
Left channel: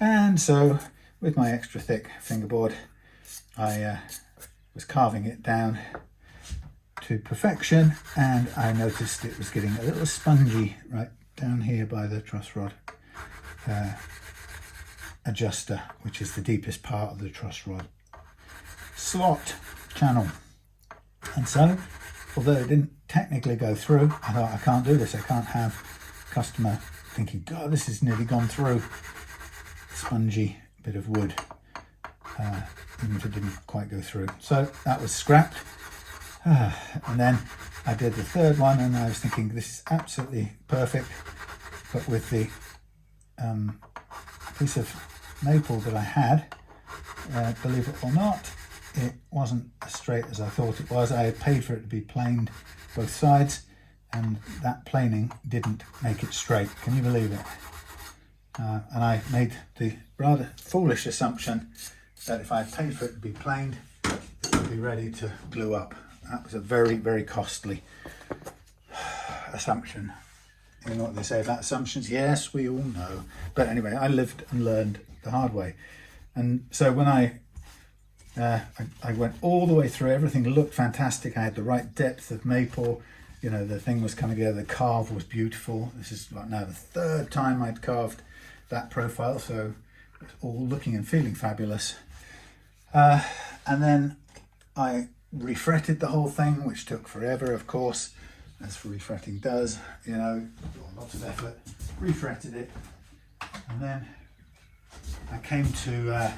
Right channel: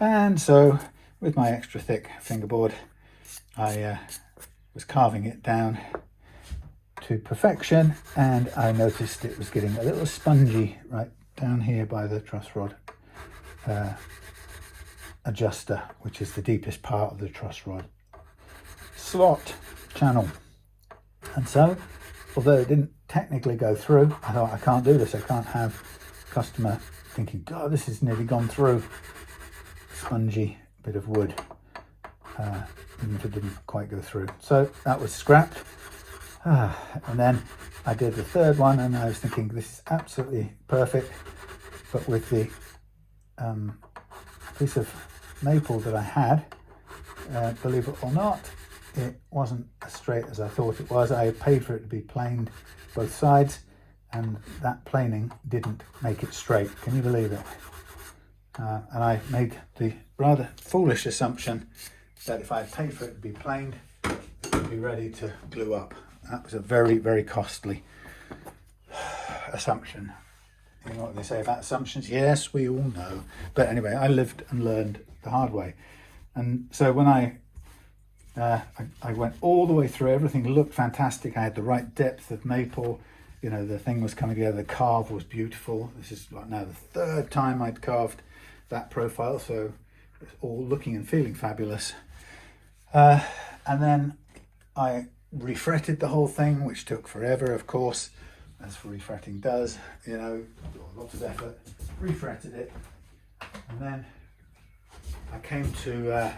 And so with my extra thick fingerboard, I was carving it down to perfection, and I noticed it was getting a little spongy right down here by the truss rod adjuster, which is the deepest part of the truss rod slot channel. And so, although it didn't technically go through, I thought, I can't do this. I can't have a customer thinking, God, this has nearly gone through. Spongy bit of wood, even if it didn't quite go through. So that was scrapped. And then I did the third one, and I was thinking, this is absolutely perfect. But with the piece of maple that I had, believe it or not, it wasn't as straight as I thought it was. I had paid for it to be planed both sides, and that planing didn't make it straight. Can you believe it? And I made the rather foolish assumption that if I paid for it to be planed, it would be ready to glue up. That was a very, very costly assumption. You know what they say about assumptions? Yes, we all know. But anyway, I lived and learned the hard way. And so when I went all the way through, everything looked fantastic. I had the right depth of maple. You know, the thing was coming together. The carve was beautiful. This is like now the third time I'd carved that profile, so it's all looking and feeling fabulous. And then I refretted the whole thing, which took forever, of course, as refretting does. You know, lots of effort. Refretted it, and then I came to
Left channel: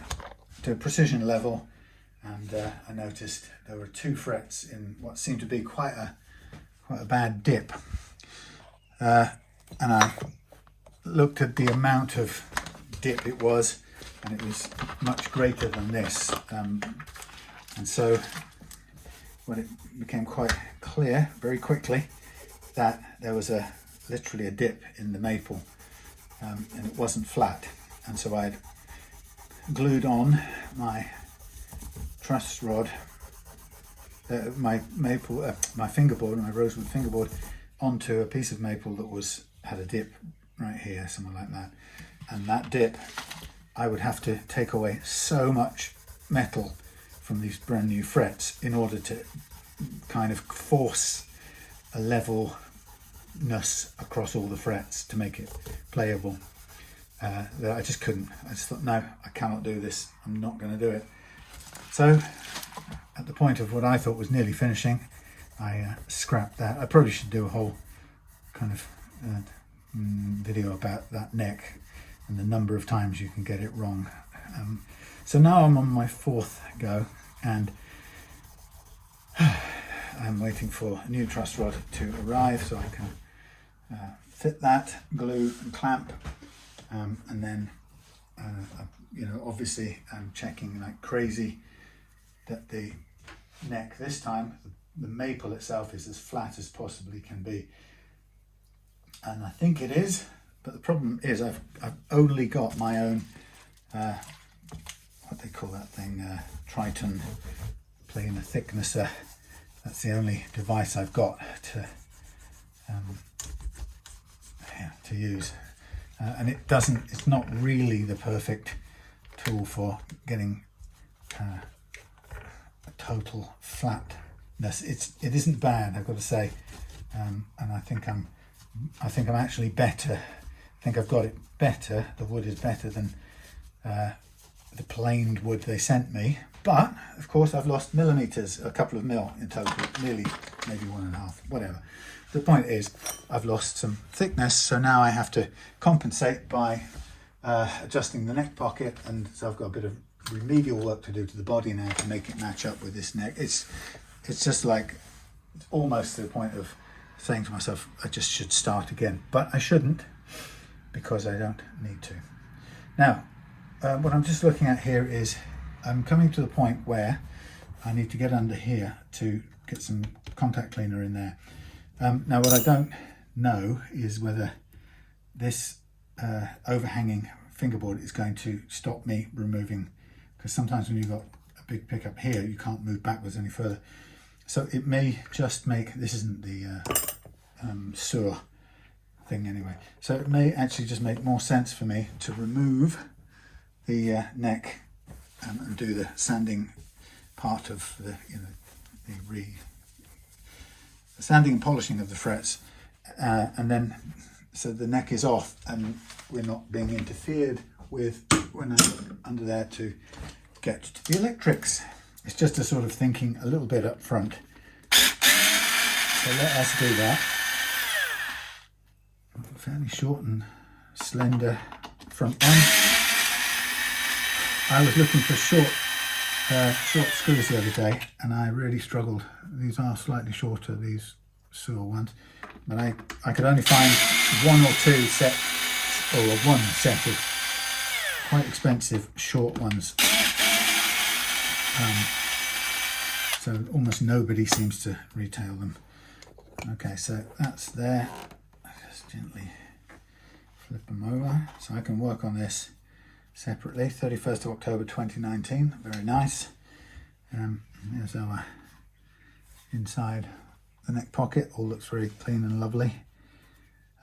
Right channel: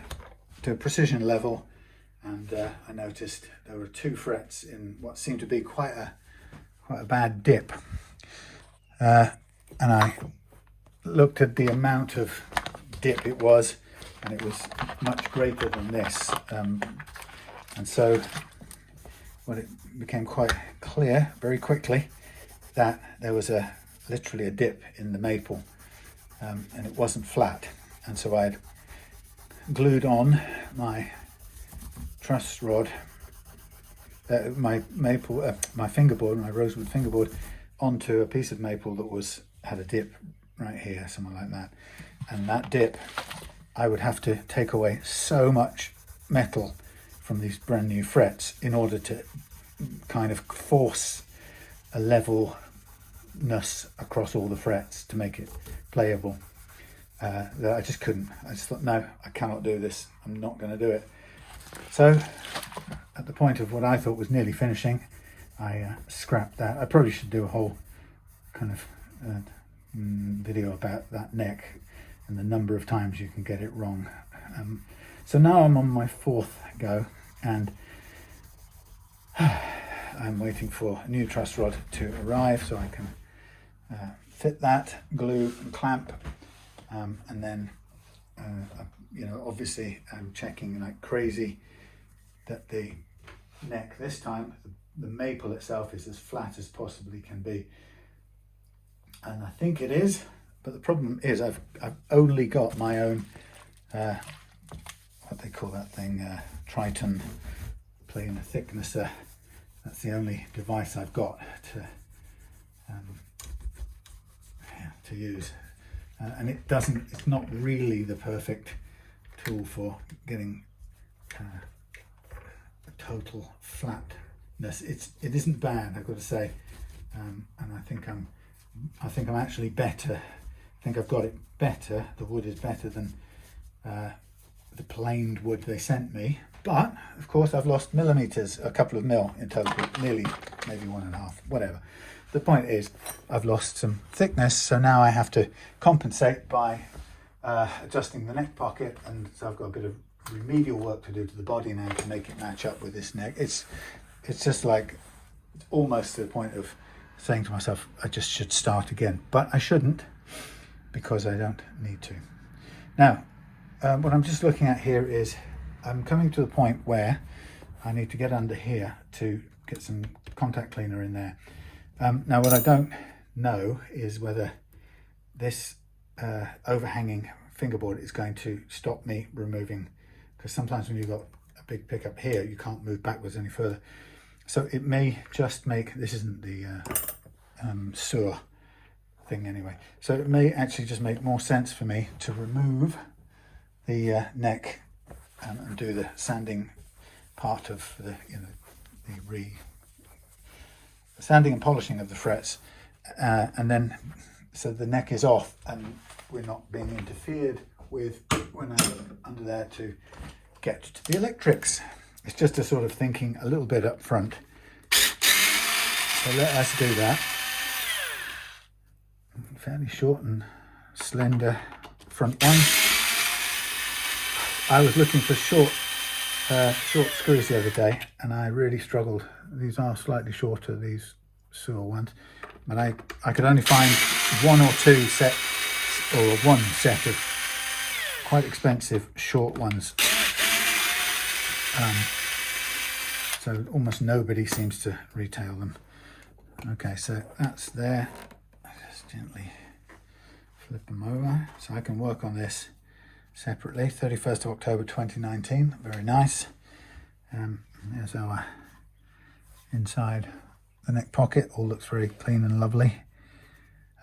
a precision level, and I noticed there were 2 frets in what seemed to be quite a bad dip, and I looked at the amount of dip it was, and it was much greater than this, and so it became quite clear very quickly that there was literally a dip in the maple, and it wasn't flat. And so I'd glued on my truss rod, my fingerboard, my rosewood fingerboard, onto a piece of maple that had a dip right here, something like that. And that dip, I would have to take away so much metal from these brand new frets in order to kind of force a levelness across all the frets to make it playable. That I just couldn't. I just thought, no, I cannot do this. I'm not going to do it. So at the point of what I thought was nearly finishing, I scrapped that. I probably should do a whole kind of video about that neck and the number of times you can get it wrong. So now I'm on my 4th go, and I'm waiting for a new truss rod to arrive so I can fit that, glue and clamp, and then you know, obviously I'm checking like crazy that the neck this time, the maple itself, is as flat as possibly can be, and I think it is. But the problem is I've only got my own what they call that thing, Triton planer thicknesser. That's the only device I've got to use, and it's not really the perfect tool for getting a total flatness. It isn't bad, I've got to say, and I think I'm actually better. I think I've got it better. The wood is better than the planed wood they sent me, but of course I've lost millimeters, a couple of mil in total, nearly maybe 1.5, whatever. the point is I've lost some thickness, so now I have to compensate by adjusting the neck pocket, and so I've got a bit of remedial work to do to the body now to make it match up with this neck. It's just like almost to the point of saying to myself I just should start again, but I shouldn't, because I don't need to. Now what I'm just looking at here is I'm coming to the point where I need to get under here to get some contact cleaner in there. Now what I don't know is whether this overhanging fingerboard is going to stop me removing, because sometimes when you've got a big pickup here you can't move backwards any further. So it may just make, this isn't the Suhr thing anyway, so it may actually just make more sense for me to remove the neck and do the sanding part of the, the sanding and polishing of the frets, and then so the neck is off and we're not being interfered with when I'm under there to get to the electrics. It's just a sort of thinking a little bit up front. So let us do that. Fairly short and slender front one. I was looking for short screws the other day and I really struggled. These are slightly shorter, these Suhr ones, but I could only find one or two sets, or one set of quite expensive short ones. So almost nobody seems to retail them. Okay, so that's there. Just gently flip them over so I can work on this separately. 31st of October 2019, very nice. There's our inside the neck pocket, all looks very clean and lovely.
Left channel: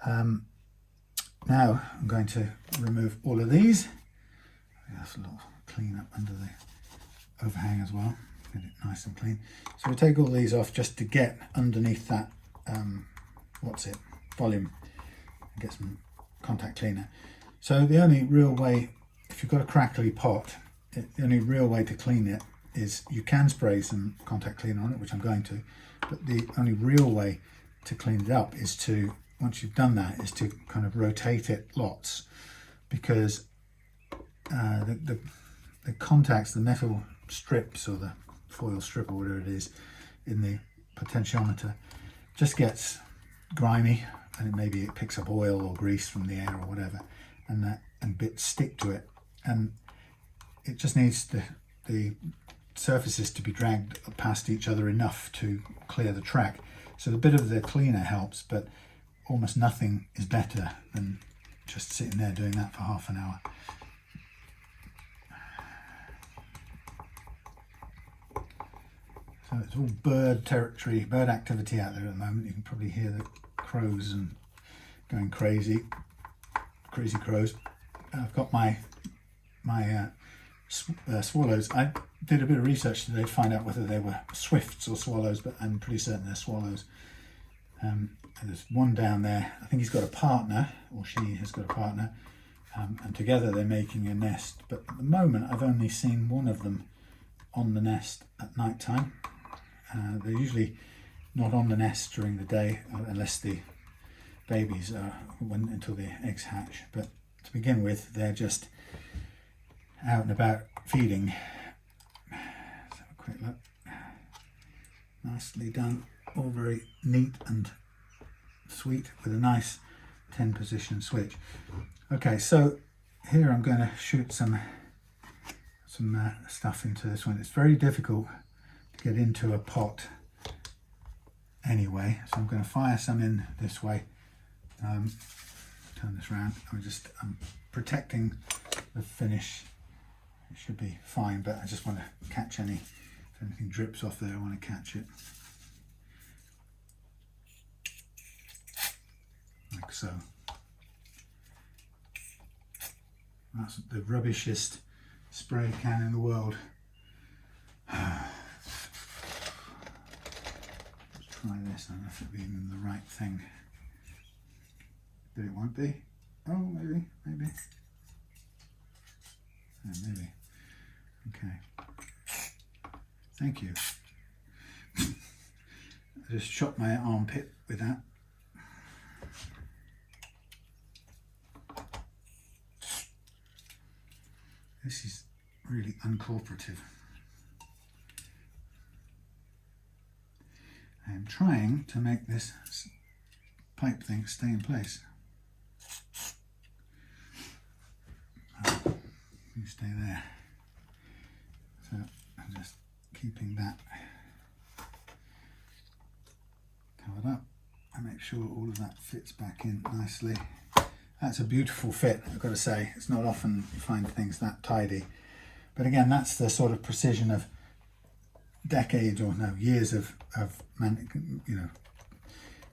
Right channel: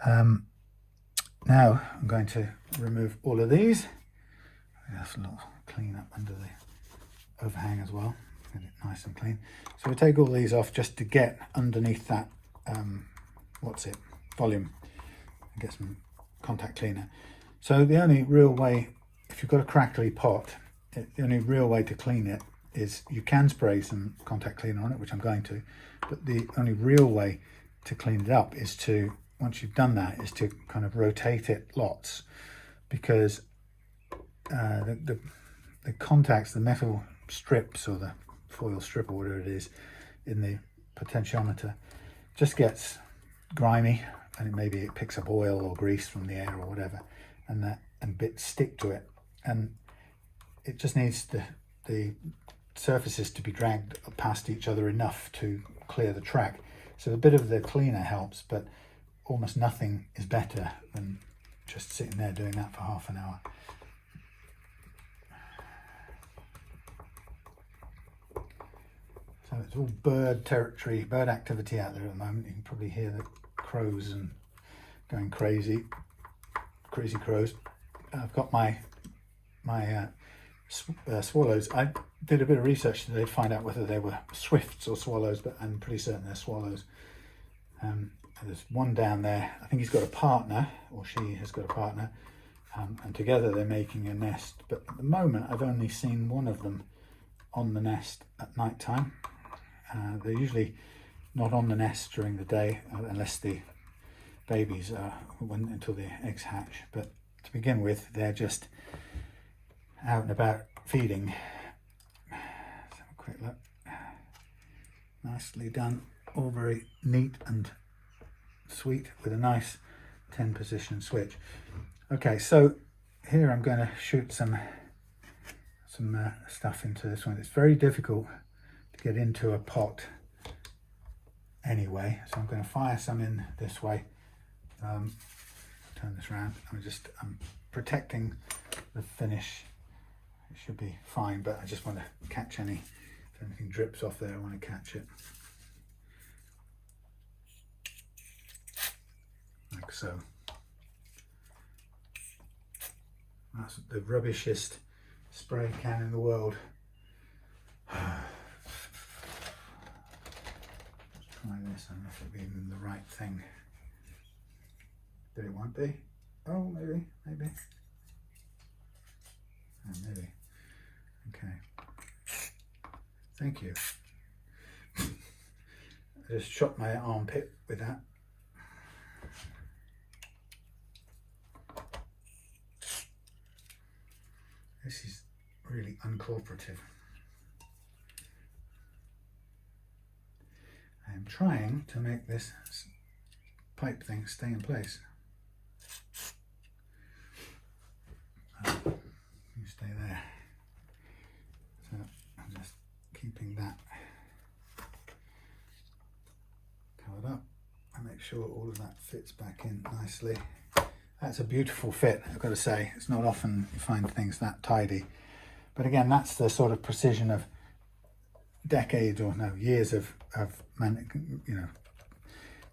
Now I'm going to remove all of these. Just a little clean up under the overhang as well, get it nice and clean. So we take all these off just to get underneath that volume and get some contact cleaner. So the only real way, if you've got a crackly pot, the only real way to clean it is you can spray some contact cleaner on it, which I'm going to, but the only real way to clean it up is to, once you've done that, is to kind of rotate it lots, because the contacts, the metal strips or the foil strip or whatever it is in the potentiometer just gets grimy, and maybe it picks up oil or grease from the air or whatever, and bits stick to it, and it just needs the surfaces to be dragged past each other enough to clear the track. So a bit of the cleaner helps, but almost nothing is better than just sitting there doing that for half an hour. So it's all bird territory, bird activity out there at the moment. You can probably hear the crows and going crazy crows. I've got my swallows. I did a bit of research today to find out whether they were swifts or swallows, but I'm pretty certain they're swallows. There's one down there. I think he's got a partner, or she has got a partner, and together they're making a nest. But at the moment, I've only seen one of them on the nest at night time. They're usually not on the nest during the day, unless the babies until the eggs hatch. But to begin with, they're just out and about feeding. Let's have a quick look. Nicely done, all very neat and sweet with a nice 10 position switch. Okay, so here I'm going to shoot some stuff into this one. It's very difficult to get into a pot anyway, so I'm going to fire some in this way. Turn this around. I'm protecting the finish. It should be fine, but I just want to catch if anything drips off there, I want to catch it. Like so. That's the rubbishest spray can in the world. Let's try this. I don't know if it'll be even the right thing. But it won't be. Oh, maybe. Yeah, maybe. Okay. Thank you. I just shot my armpit with that. This is really uncooperative. I am trying to make this pipe thing stay in place. You stay there. So I'm just keeping that covered up. I make sure all of that fits back in nicely. That's a beautiful fit, I've got to say. It's not often you find things that tidy. But again, that's the sort of precision of decades or no, years of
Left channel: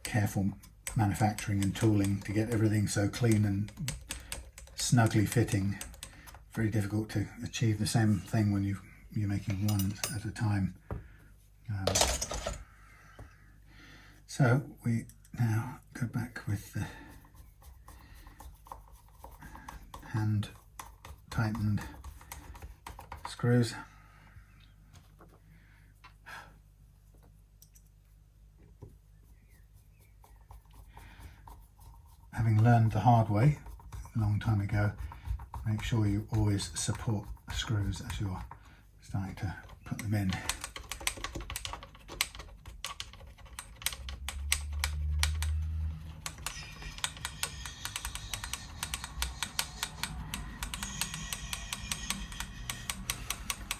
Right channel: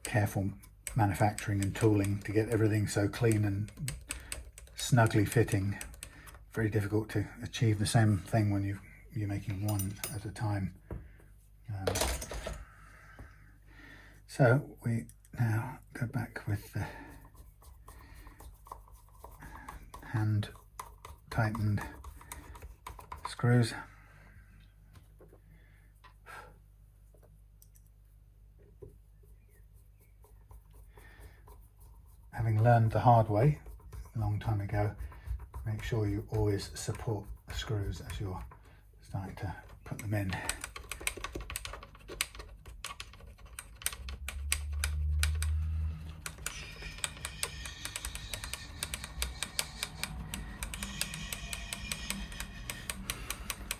careful manufacturing and tooling to get everything so clean and snugly fitting. Very difficult to achieve the same thing when you're making one at a time. So we now go back with the hand tightened screws. Having learned the hard way a long time ago, make sure you always support the screws as you're starting to put them in.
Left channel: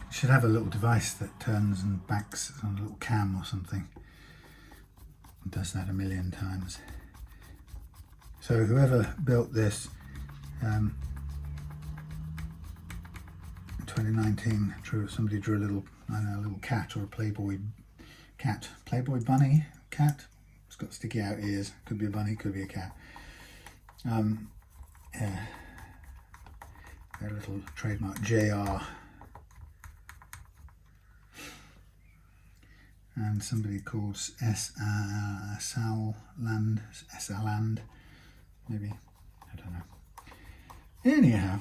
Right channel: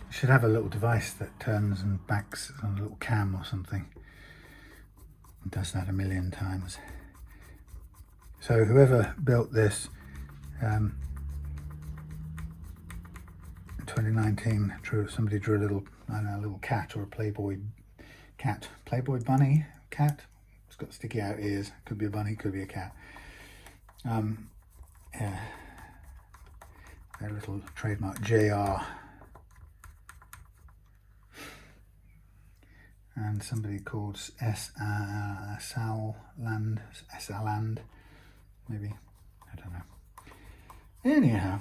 You should have a little device that turns and backs on a little cam or something. It does that a million times. So whoever built this in 2019, somebody drew a little, I don't know, a little cat or a Playboy bunny, cat. It's got sticky out ears. Could be a bunny, could be a cat. Yeah, their little trademark JR. And somebody called Saland, maybe, I don't know. Anyhow,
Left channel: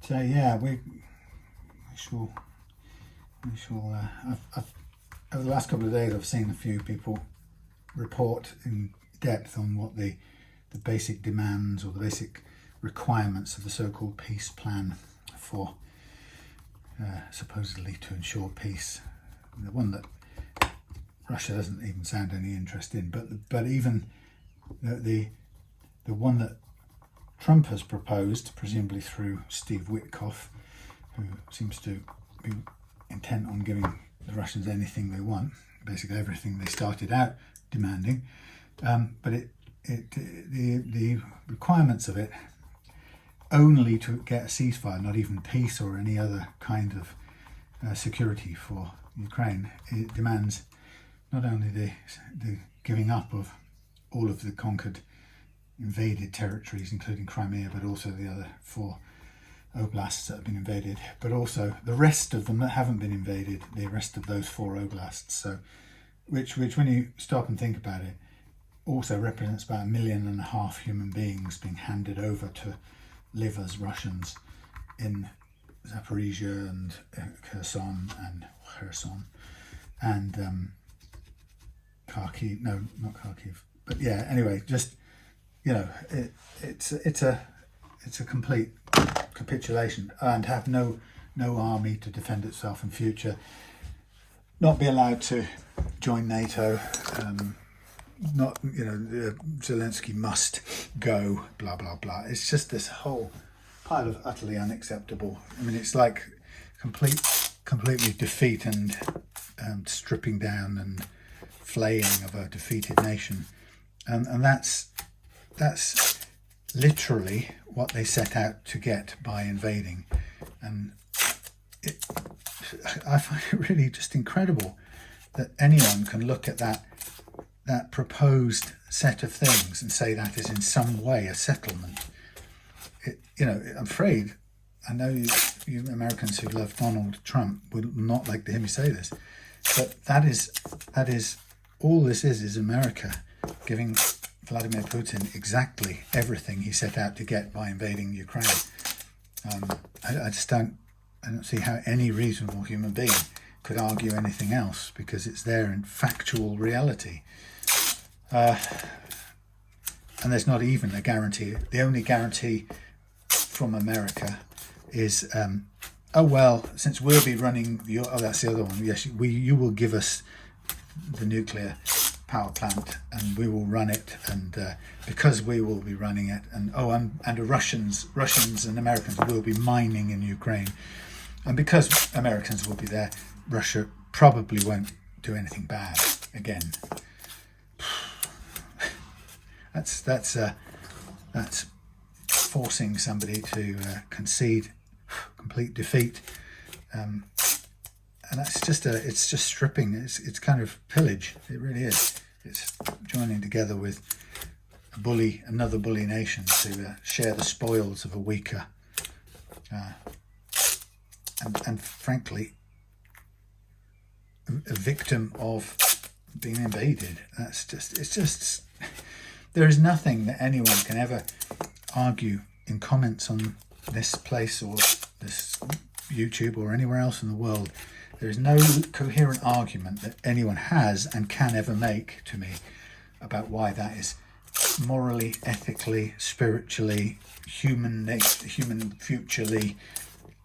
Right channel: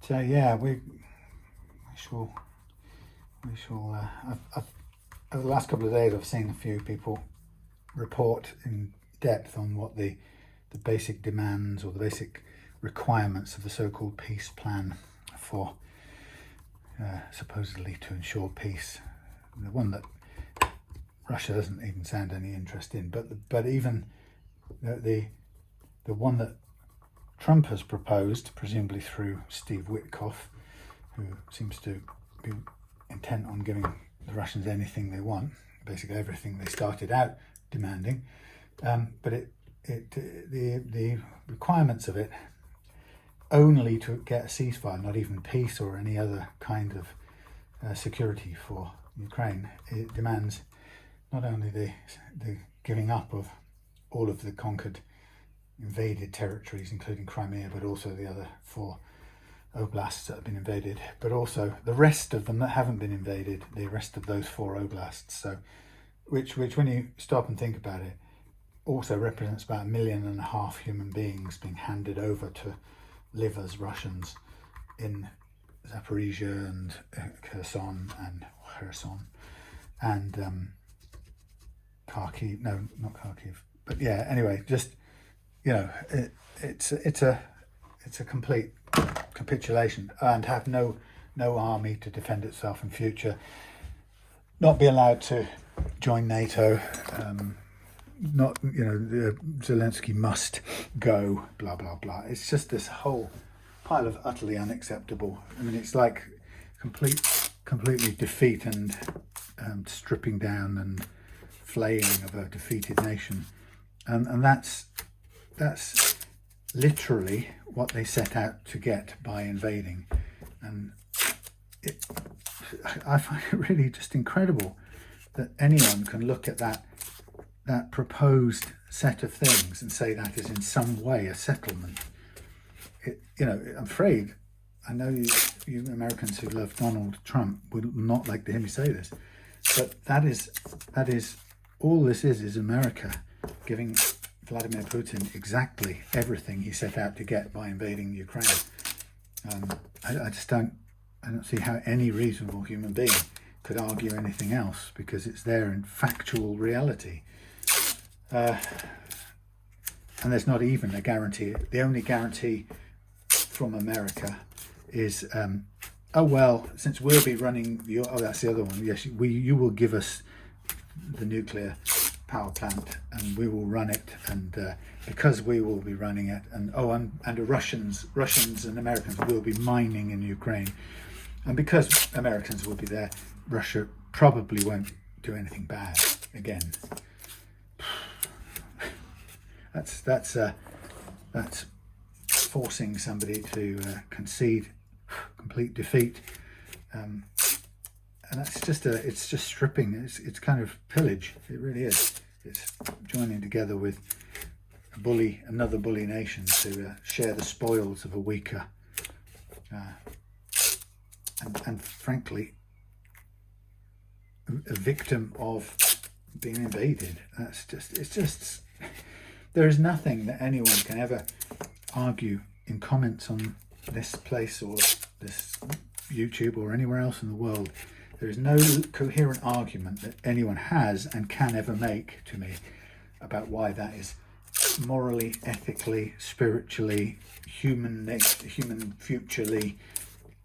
so yeah, we shall. Over the last couple of days, I've seen a few people report in depth on what the basic demands or the basic requirements of the so-called peace plan for supposedly to ensure peace. The one that Russia doesn't even sound any interest in, but even the one that Trump has proposed, presumably through Steve Witkoff, who seems to be intent on giving the Russians anything they want, basically everything they started out demanding. But the requirements of it, only to get a ceasefire, not even peace or any other kind of security for Ukraine, it demands not only the giving up of all of the conquered, invaded territories, including Crimea, but also the other 4 oblasts that have been invaded, but also the rest of them that haven't been invaded, the rest of those 4 oblasts. So, which when you stop and think about it, also represents about 1.5 million human beings being handed over to live as Russians in Zaporizhia and Kherson and Kharkiv. No, not Kharkiv. But yeah, anyway, just it's a complete capitulation, and have no army to defend itself in future. Not be allowed to join NATO. Not, Zelensky must go, blah, blah, blah. It's just this whole pile of utterly unacceptable. I mean, it's like completely defeat and stripping down and flaying of a defeated nation. And that's literally what they set out to get by invading. And I find it really just incredible that anyone can look at that proposed set of things and say that is in some way a settlement. I'm afraid, I know you Americans who love Donald Trump would not like to hear me say this, but that is all this is America giving Vladimir Putin exactly everything he set out to get by invading Ukraine. I don't see how any reasonable human being could argue anything else because it's there in factual reality. And there's not even a guarantee. The only guarantee from America is, oh well, since we'll be running your, oh that's the other one. Yes, you will give us the nuclear power plant and we will run it, and because we will be running it, and the Russians and Americans will be mining in Ukraine, and because Americans will be there, Russia probably won't do anything bad again. That's forcing somebody to concede complete defeat, and that's just it's just stripping. It's kind of pillage. It really is. It's joining together with another bully nation to share the spoils of a weaker, and frankly, a victim of being invaded. It's just. There is nothing that anyone can ever argue in comments on this place or this YouTube or anywhere else in the world. There is no coherent argument that anyone has and can ever make to me about why that is morally, ethically, spiritually, human futurely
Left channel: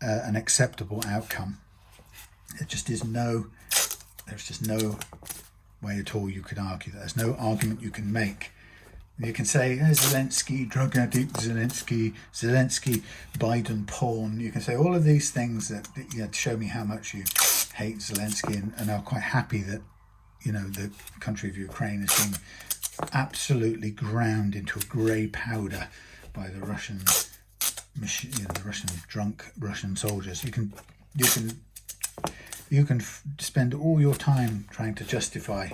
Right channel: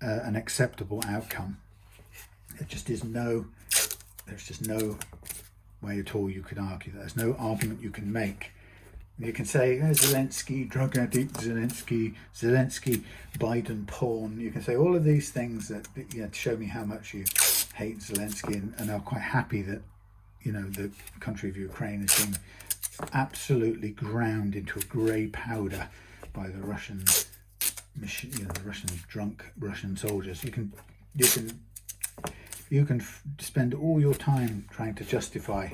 an acceptable outcome. There's just no way at all you could argue that. There's no argument you can make. You can say, Zelensky, drug addict, Zelensky, Biden porn. You can say all of these things that show me how much you hate Zelensky, and are quite happy that, the country of Ukraine is being absolutely ground into a grey powder by the Russian, the Russian drunk Russian soldiers. You can spend all your time trying to justify,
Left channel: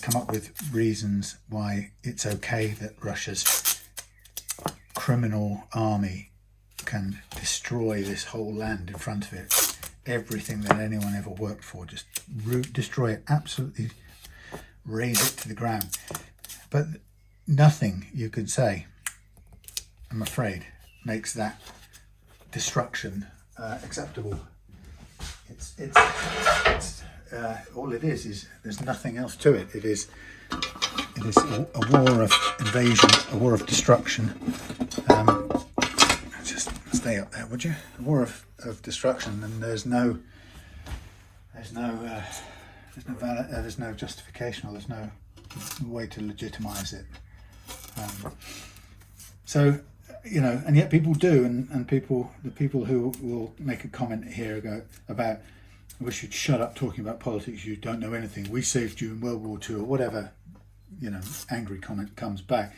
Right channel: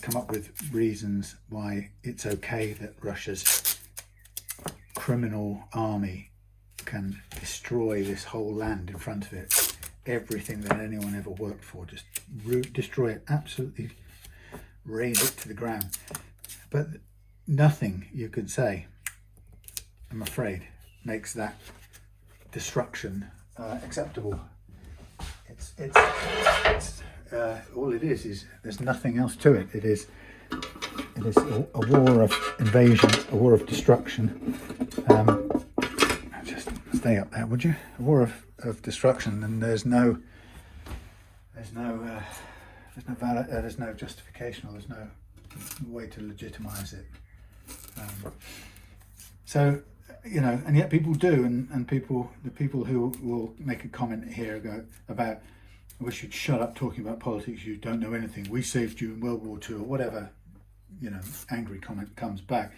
come up with reasons why it's okay that Russia's criminal army can destroy this whole land in front of it. Everything that anyone ever worked for, just destroy it, absolutely raze it to the ground. But nothing you could say, I'm afraid, makes that destruction acceptable. It's all it is there's nothing else to it. It is a war of invasion, a war of destruction. Just stay up there, would you? A war of destruction, and there's no justification, or there's no way to legitimize it. So, and yet people do, and the people who will make a comment here about, I wish you'd shut up talking about politics, you don't know anything, we saved you in World War II, or whatever, angry comment comes back.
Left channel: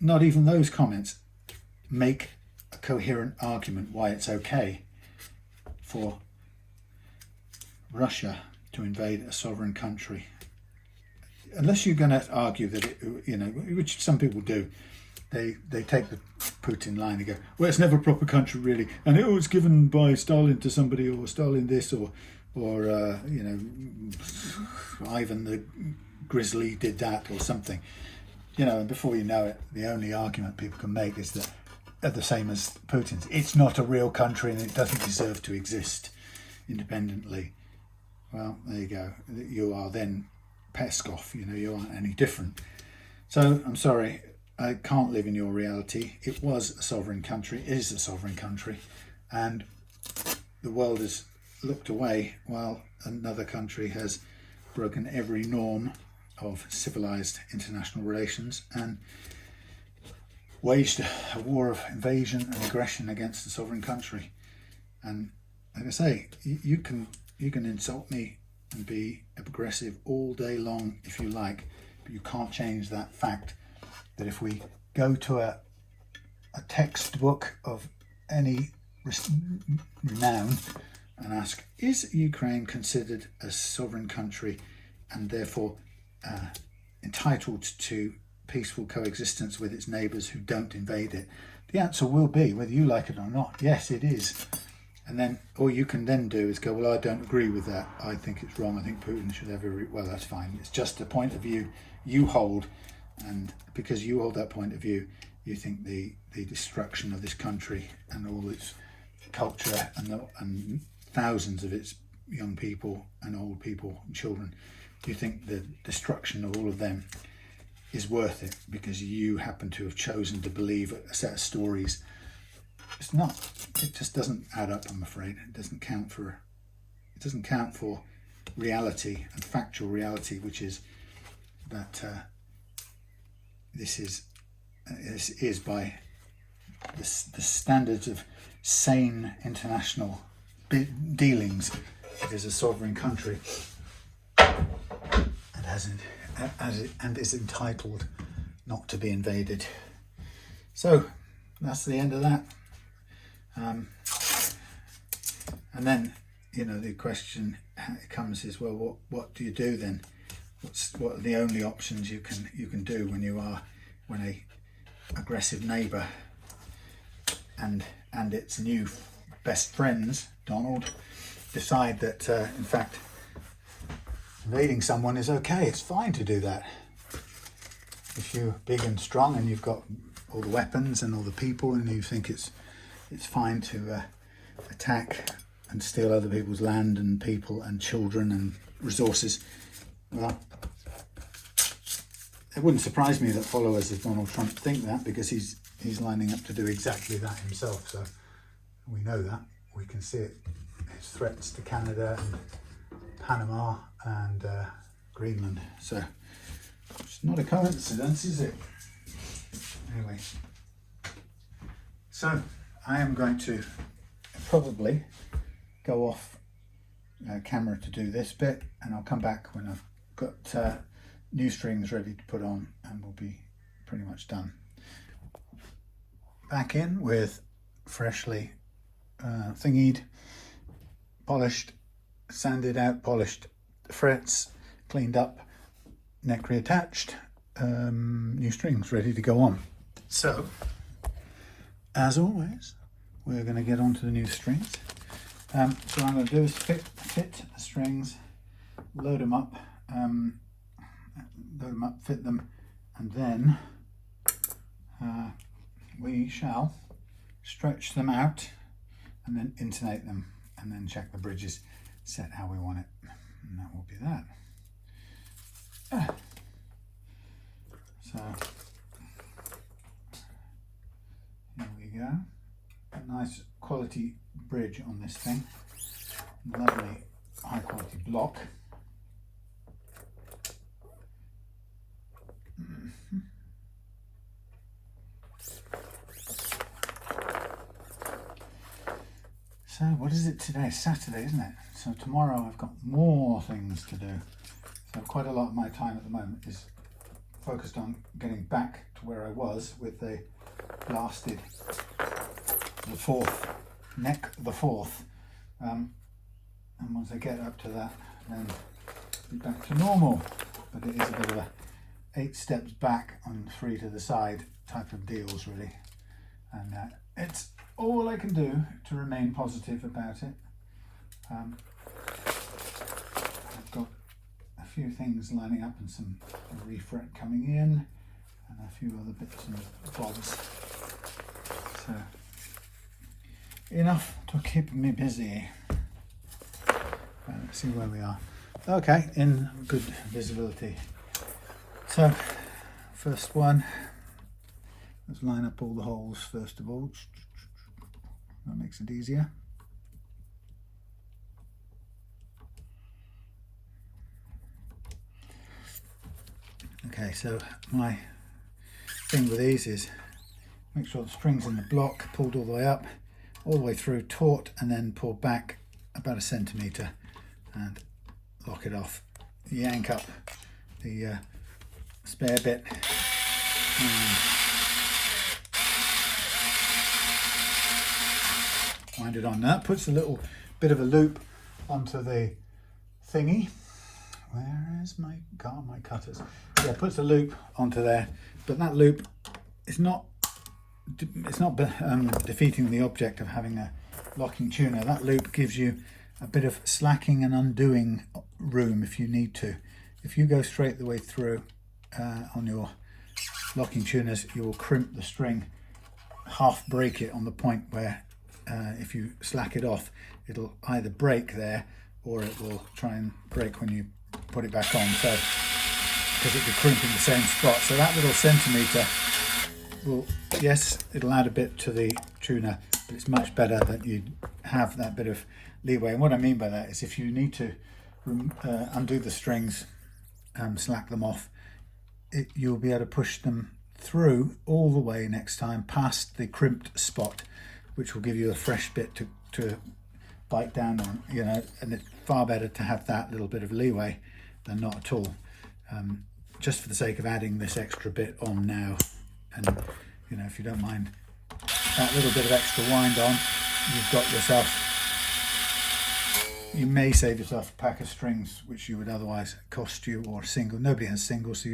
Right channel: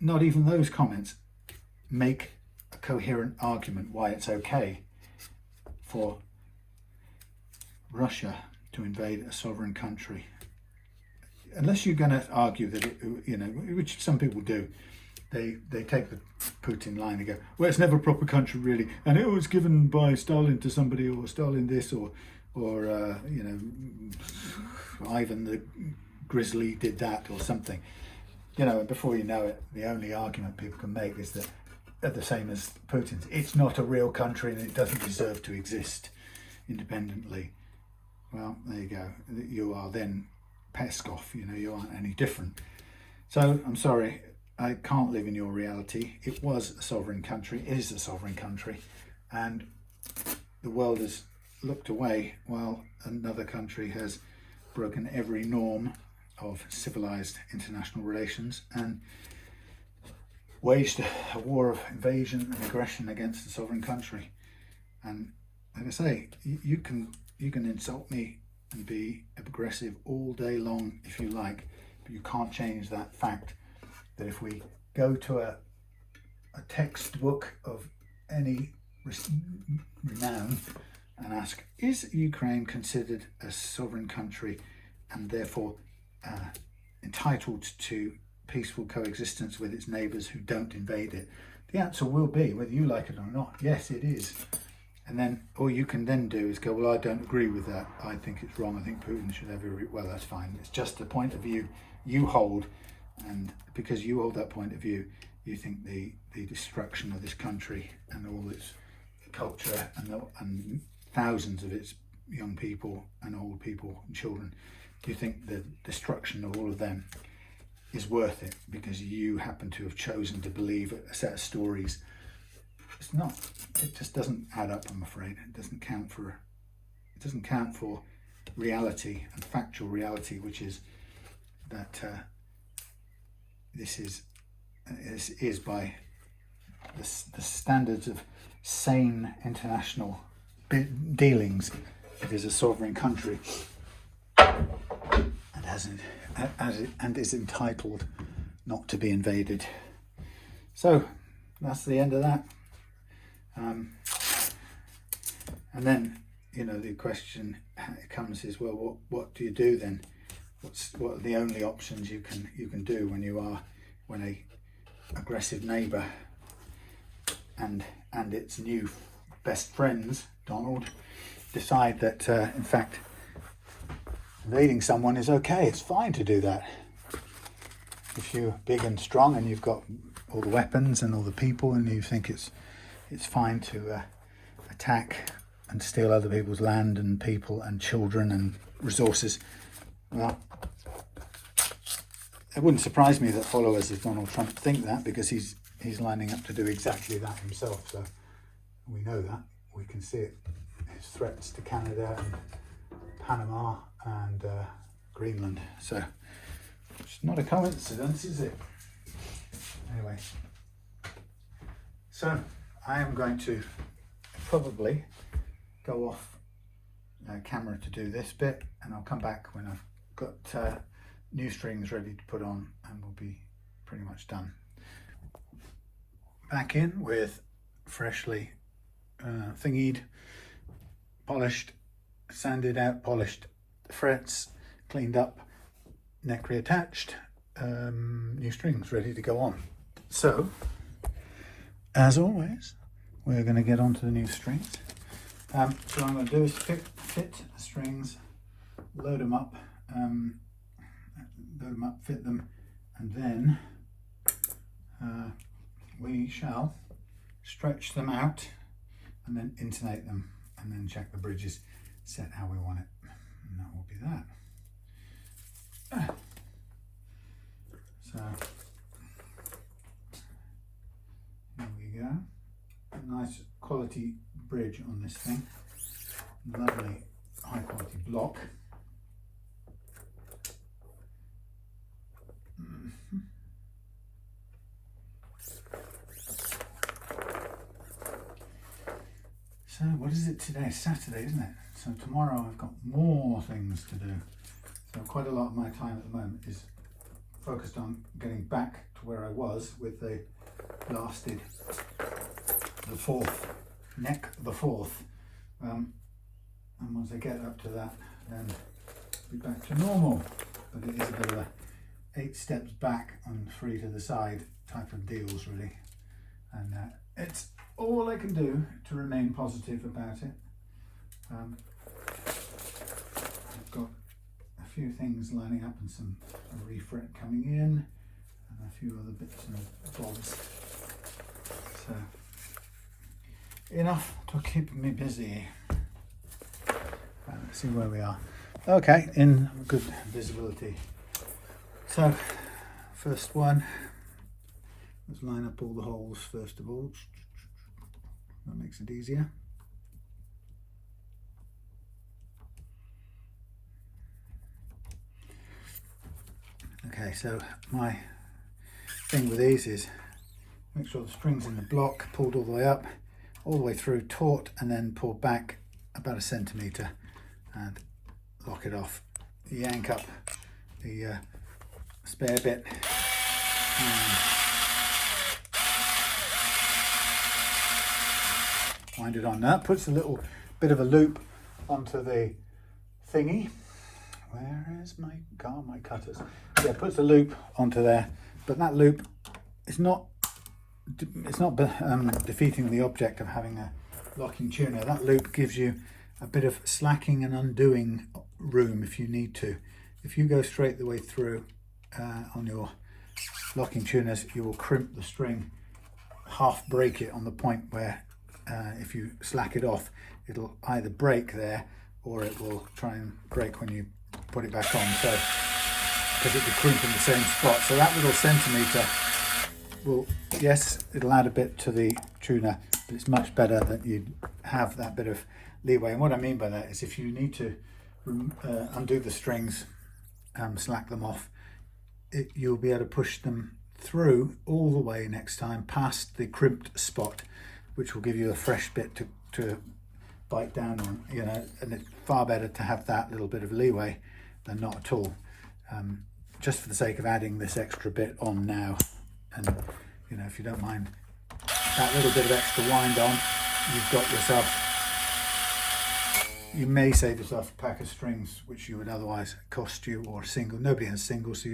Not even those comments make a coherent argument why it's okay for Russia to invade a sovereign country. Unless you're going to argue that which some people do, they take the Putin line and go, well, it's never a proper country really, and it was given by Stalin to somebody, or Stalin this, or Ivan the Grizzly did that, or something. And before you know it, the only argument people can make is that they're the same as Putin's. It's not a real country and it doesn't deserve to exist independently. Well, there you go. You are then Peskov, you aren't any different. So I'm sorry, I can't live in your reality. It was a sovereign country, is a sovereign country, and the world has looked away while another country has broken every norm of civilized international relations and waged a war of invasion and aggression against the sovereign country. And like I say, you can insult me and be aggressive all day long if you like, but you can't change that fact that if we go to a textbook of any renown and ask, is Ukraine considered a sovereign country and therefore entitled to peaceful coexistence with its neighbours who don't invade it? The answer will be, whether you like it or not, yes, it is. And then all you can then do is go, well, I don't agree with that. I think it's wrong. I think Putin should have well, that's fine. It's just a point of view you hold. And because you hold that point of view, you think the destruction of this country and all its culture and thousands of its young people and old people and children, you think the destruction of all of them is worth it because you happen to have chosen to believe a set of stories. It's not. It just doesn't add up, I'm afraid. It doesn't count for reality and factual reality, which is that this is by the standards of sane international dealings. It is a sovereign country and is entitled not to be invaded. So that's the end of that. And then, you know, the question comes is, well, what do you do then? What are the only options you can do when a aggressive neighbour and its new best friends, Donald, decide that in fact invading someone is okay. It's fine to do that. If you're big and strong and you've got all the weapons and all the people, and you think it's fine to attack and steal other people's land and people and children and resources, well, it wouldn't surprise me that followers of Donald Trump think that, because he's lining up to do exactly that himself. So we know that. We can see it. His threats to Canada and Panama and Greenland. So it's not a coincidence, is it? Anyway, so I am going to probably go off camera to do this bit, and I'll come back when I've got new strings ready to put on, and we'll be pretty much done. Back in with freshly thingied, polished, sanded out, polished frets, cleaned up, neck reattached, new strings ready to go on. So, as always, we're going to get onto the new strings. So what I'm going to do is fit the strings, load them up, fit them, and then we shall stretch them out and then intonate them, and then check the bridges set how we want it, and that will be that. So here we go. A nice quality bridge on this thing. Lovely high quality block. So what is it today? Saturday, isn't it? So tomorrow I've got more things to do. So quite a lot of my time at the moment is focused on getting back to where I was with the blasted, the fourth, and once I get up to that, then be back to normal. But it is a bit of a 8 steps back on 3 to the side type of deals, really, and it's all I can do to remain positive about it. I've got a few things lining up and some refret coming in and a few other bits and bobs. So enough to keep me busy. Let's see where we are. Okay, in good visibility. So first one, let's line up all the holes first of all. That makes it easier. Okay, so my thing with these is make sure the string's in the block, pulled all the way up, all the way through, taut, and then pull back about 1 centimetre and lock it off. Yank up the spare bit. Wind it on. Now that puts a little bit of a loop onto the thingy. Where is my cutters? Yeah, it puts a loop onto there, but that loop is not defeating the object of having a locking tuner. That loop gives you a bit of slacking and undoing room if you need to. If you go straight the way through on your locking tuners, you will crimp the string, half break it on the point where if you slack it off, it'll either break there or it will try and break when you put it back on. So, because it will crimp in the same spot. So that little centimetre will, yes, it'll add a bit to the tuner, but it's much better that you have that bit of leeway. And what I mean by that is if you need to undo the strings, slack them off, you'll be able to push them through all the way next time past the crimped spot, which will give you a fresh bit to bite down on, you know. And it's far better to have that little bit of leeway than not at all, just for the sake of adding this extra bit on now. And you know, if you don't mind that little bit of extra wind on, you've got yourself, you may save yourself a pack of strings which you would otherwise cost you, or single. Nobody has singles, so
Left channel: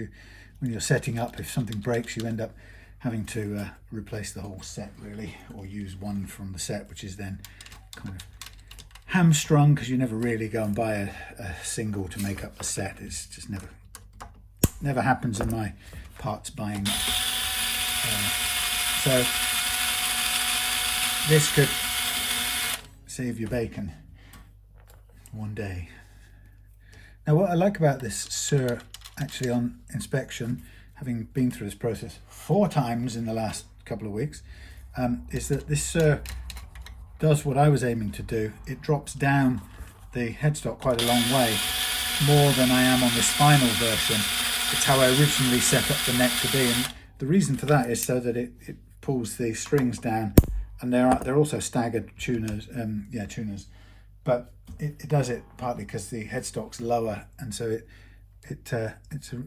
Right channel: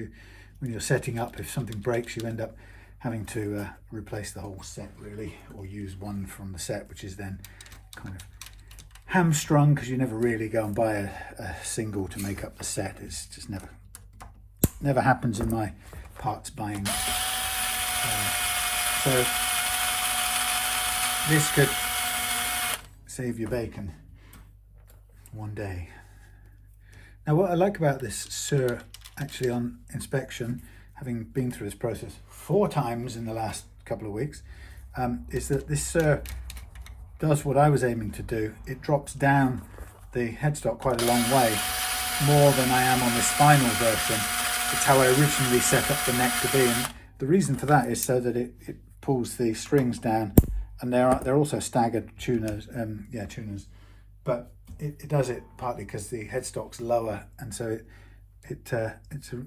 when you're setting up, if something breaks, you end up having to replace the whole set really, or use one from the set, which is then kind of hamstrung, because you never really go and buy a single to make up the set. It's just never happens in my parts buying. So this could save your bacon one day. Now what I like about this Suhr, actually on inspection, having been through this process 4 times in the last couple of weeks, is that this Suhr does what I was aiming to do. It drops down the headstock quite a long way, more than I am on this final version. It's how I originally set up the neck to be, and the reason for that is so that it pulls the strings down, and they're also staggered tuners, tuners, but it does it partly because the headstock's lower, and so it's a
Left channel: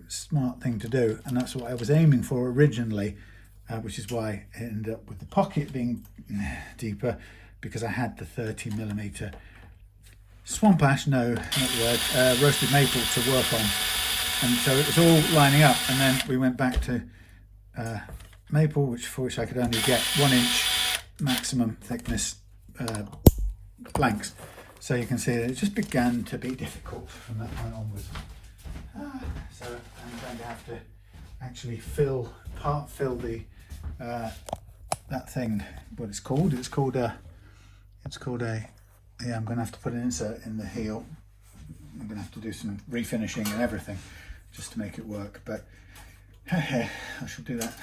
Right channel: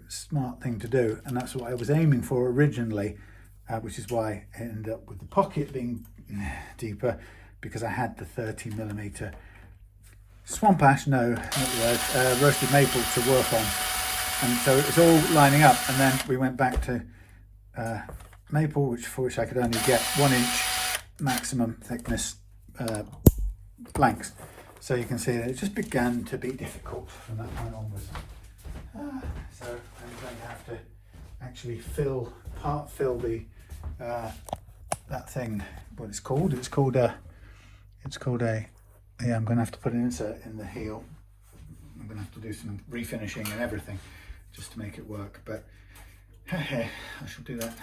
smart thing to do, and that's what I was aiming for originally, which is why I ended up with the pocket being deeper, because I had the 30mm swamp ash, no, not the word, roasted maple to work on, and so it was all lining up. And then we went back to maple, for which I could only get 1-inch maximum thickness blanks. So you can see that it just began to be difficult from that point onwards. So I'm going to have to actually fill the that thing, what it's called. It's called a yeah, I'm going to have to put an insert in the heel. I'm going to have to do some refinishing and everything just to make it work, but I shall do that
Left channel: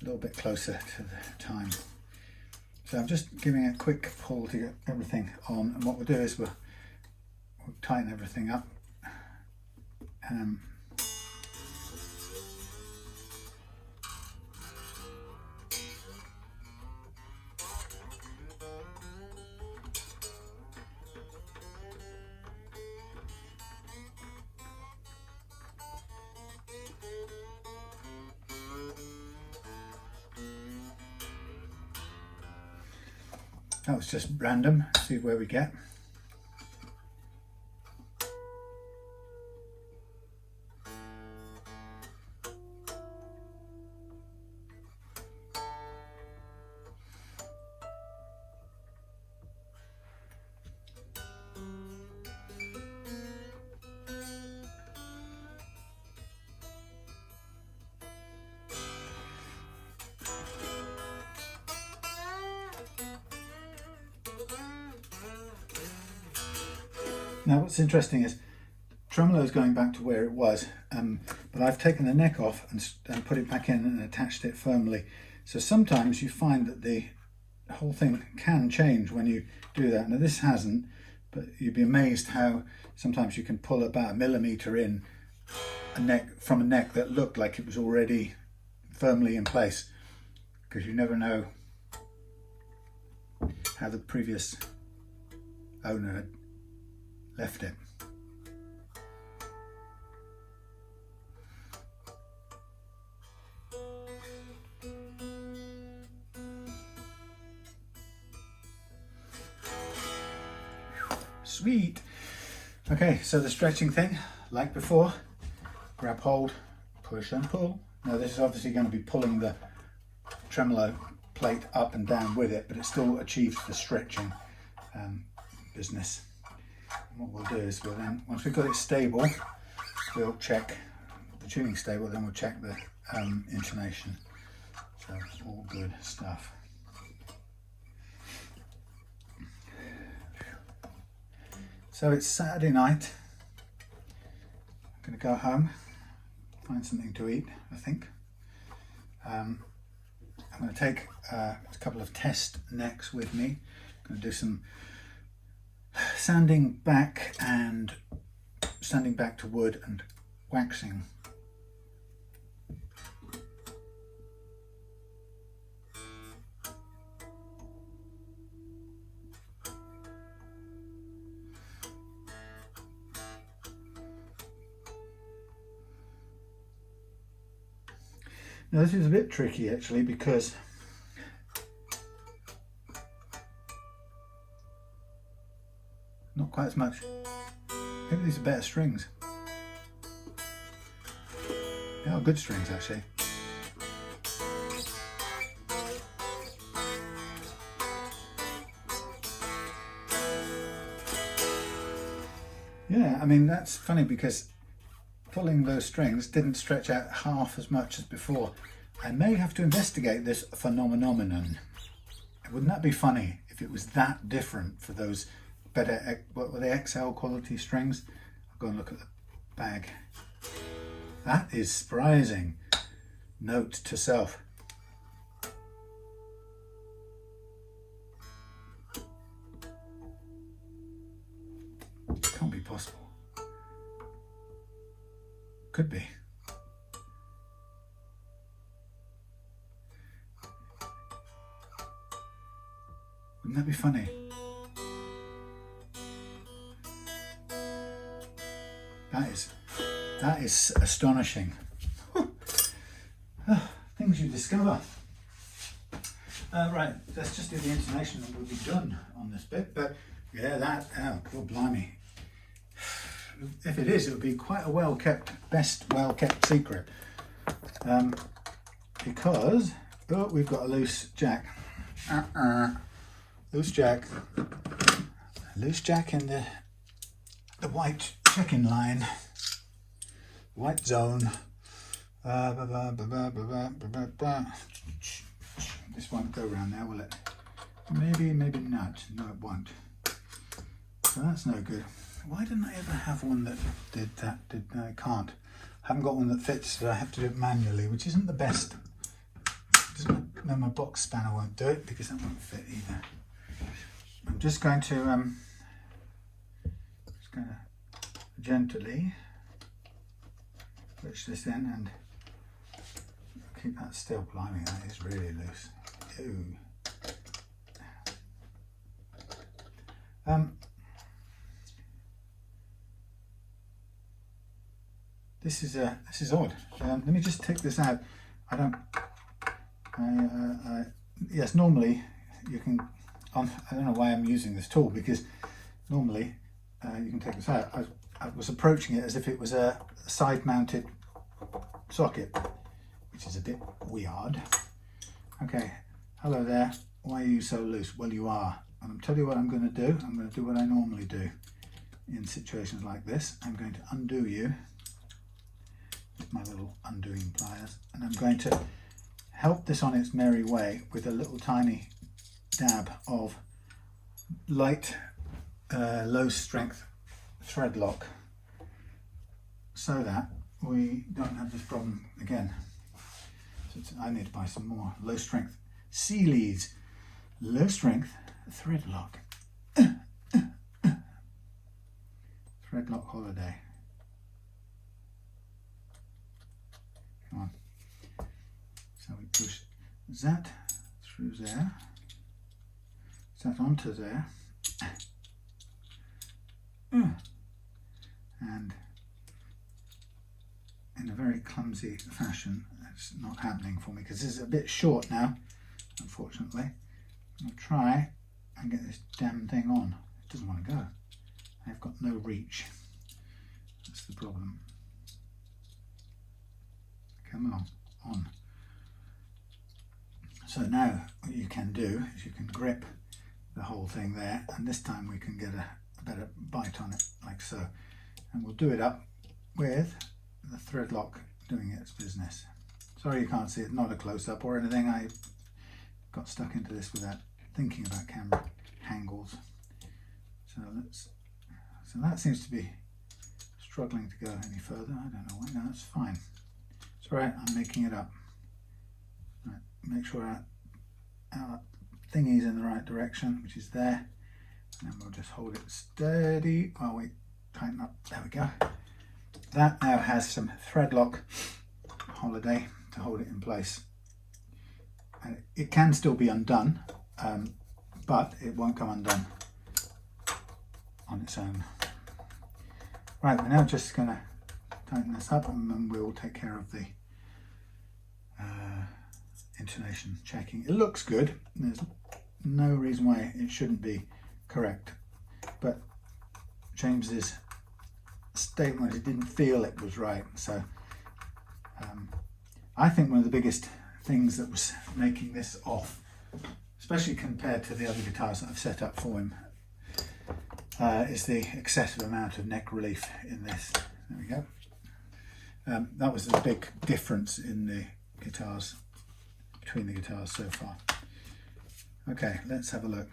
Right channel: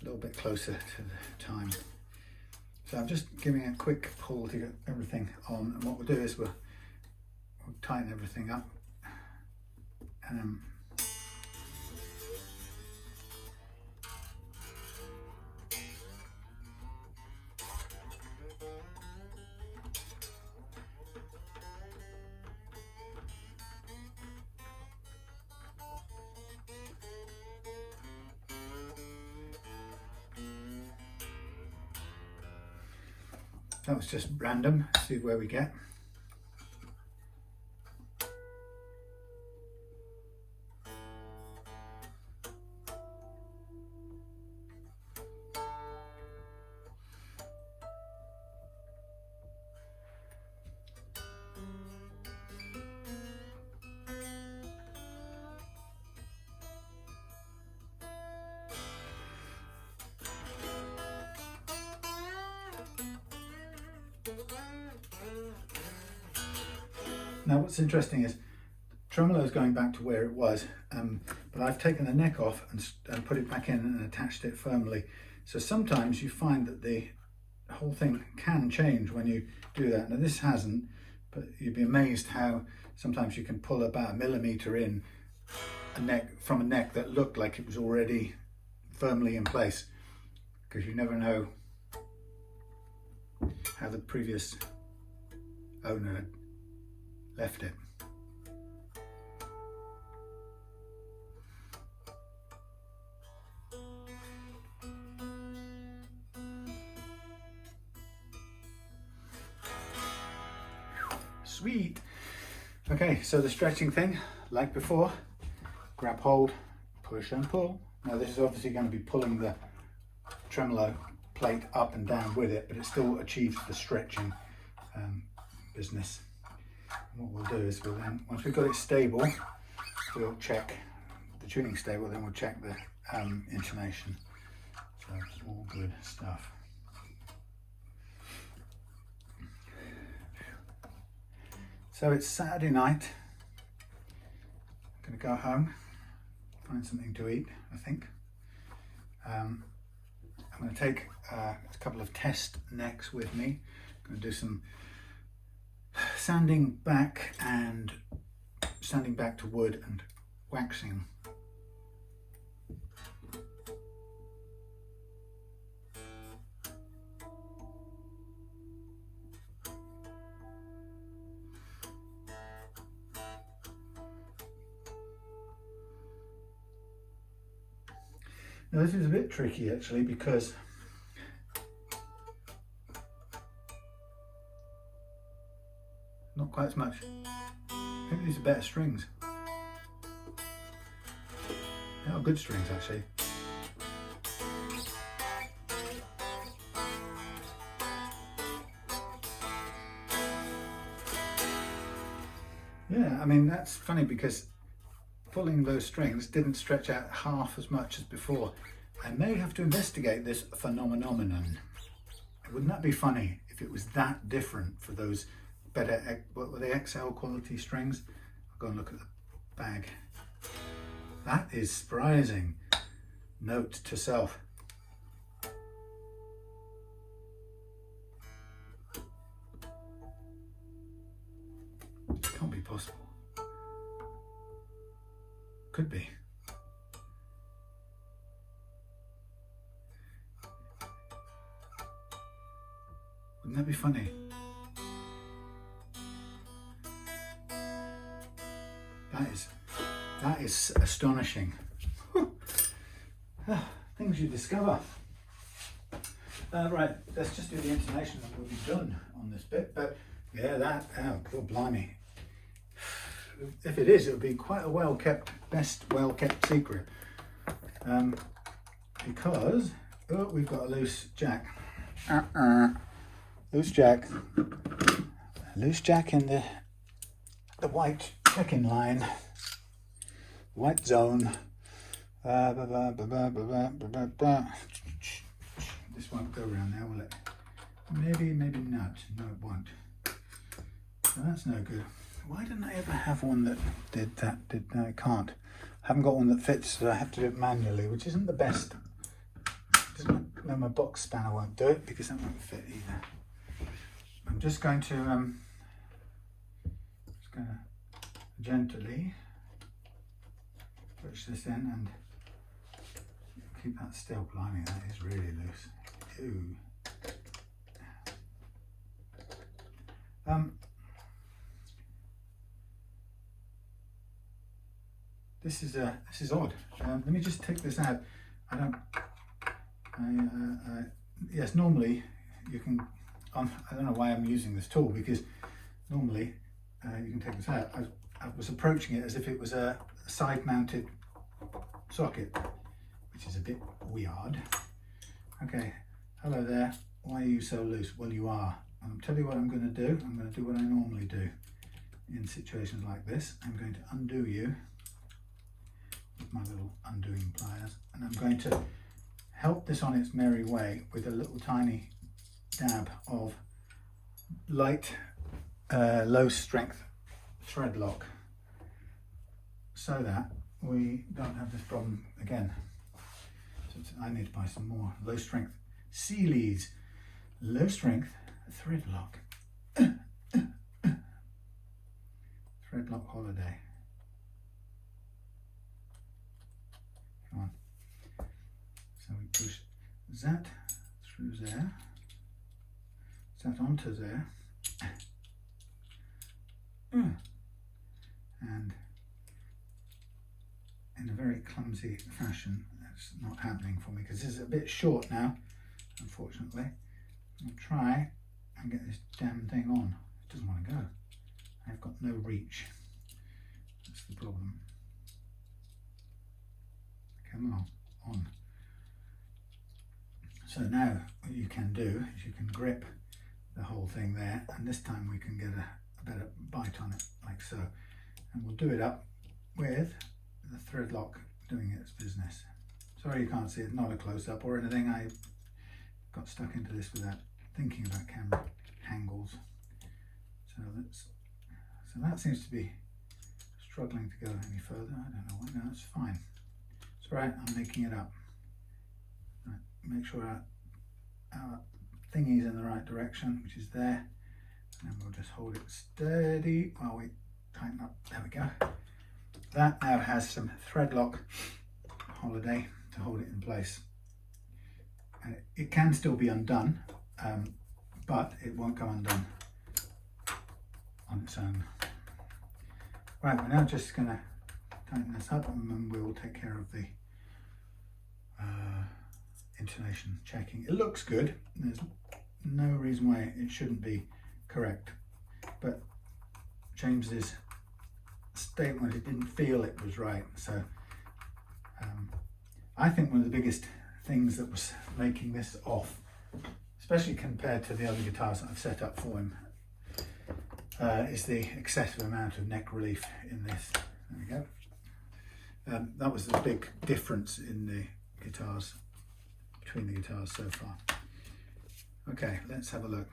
a little bit closer to the time. So I'm just giving a quick pull to get everything on, and what we'll do is we'll tighten everything up. That was just random, see where we get. Now what's interesting is tremolo is going back to where it was, but I've taken the neck off and put it back in and attached it firmly. So sometimes you find that the whole thing can change when you do that. Now this hasn't, but you'd be amazed how sometimes you can pull about 1mm in from a neck that looked like it was already firmly in place, because you never know how the previous owner had left it. Sweet. Okay, so the stretching thing, like before, grab hold, push and pull. Now this is obviously going to be pulling the tremolo plate up and down with it, but it still achieves the stretching business. And what we'll do is we'll then, once we've got it stable, we'll check the tuning stable, then we'll check the intonation. So it's all good stuff. So it's Saturday night. I'm going to go home, find something to eat, I think. I'm going to take a couple of test necks with me. I'm going to do some sanding back to wood and waxing. Now this is a bit tricky actually, because not quite as much. Maybe these are better strings. They are good strings actually. Yeah, I mean that's funny because pulling those strings didn't stretch out half as much as before. I may have to investigate this phenomenon. Wouldn't that be funny if it was that different for those better, what were they, XL quality strings? I'll go and look at the bag. That is surprising. Note to self. Can't be possible. Could be. Wouldn't that be funny? That is astonishing. Things you discover. Right, let's just do the intonation and we'll be done on this bit. But yeah, oh, God blimey. If it is, it would be quite a well-kept secret. Because, oh, we've got a loose jack. Loose jack in the white check-in line, white zone. This won't go around there, will it? Maybe not. No, it won't. So that's no good. Why didn't I ever have one that did that? No, I can't. I haven't got one that fits, so I have to do it manually, which isn't the best. No, my box spanner won't do it because that won't fit either. I'm just going to gently push this in and keep that still. Blimey, that is really loose. Ew. This is odd. Let me just take this out. Yes, normally you can. I don't know why I'm using this tool, because normally you can take this out. I was approaching it as if it was a side-mounted socket, which is a bit weird. Okay, hello there. Why are you so loose? Well, you are. And I'll tell you what I'm going to do. I'm going to do what I normally do in situations like this. I'm going to undo you with my little undoing pliers, and I'm going to help this on its merry way with a little tiny dab of light, low strength thread lock, so that we don't have this problem again. So I need to buy some more low strength Sealy's low strength thread lock. Thread lock holiday. Come on. So we push that through there, that onto there, and in a very clumsy fashion, it's not happening for me because this is a bit short now, unfortunately. I'll try and get this damn thing on. It doesn't want to go. I've got no reach. That's the problem. Come on. So now what you can do is you can grip the whole thing there, and this time we can get a better bite on it, like so. And we'll do it up with the thread lock doing its business. Sorry you can't see it, not a close-up or anything. I got stuck into this without thinking about camera angles. So let's So that seems to be struggling to go any further. I don't know why. No, that's fine. It's all right, I'm making it up. Right, make sure our thingy's in the right direction, which is there. And then we'll just hold it steady while we tighten up. There we go. That now has some threadlock holiday to hold it in place. And it can still be undone, but it won't come undone on its own. Right, we're now just going to tighten this up and then we'll take care of the intonation checking. It looks good. There's no reason why it shouldn't be correct, but James's statement, he didn't feel it was right. So I think one of the biggest things that was making this off, especially compared to the other guitars that I've set up for him, is the excessive amount of neck relief in this. There we go. That was the big difference in the guitars, between the guitars so far. Okay, let's have a look.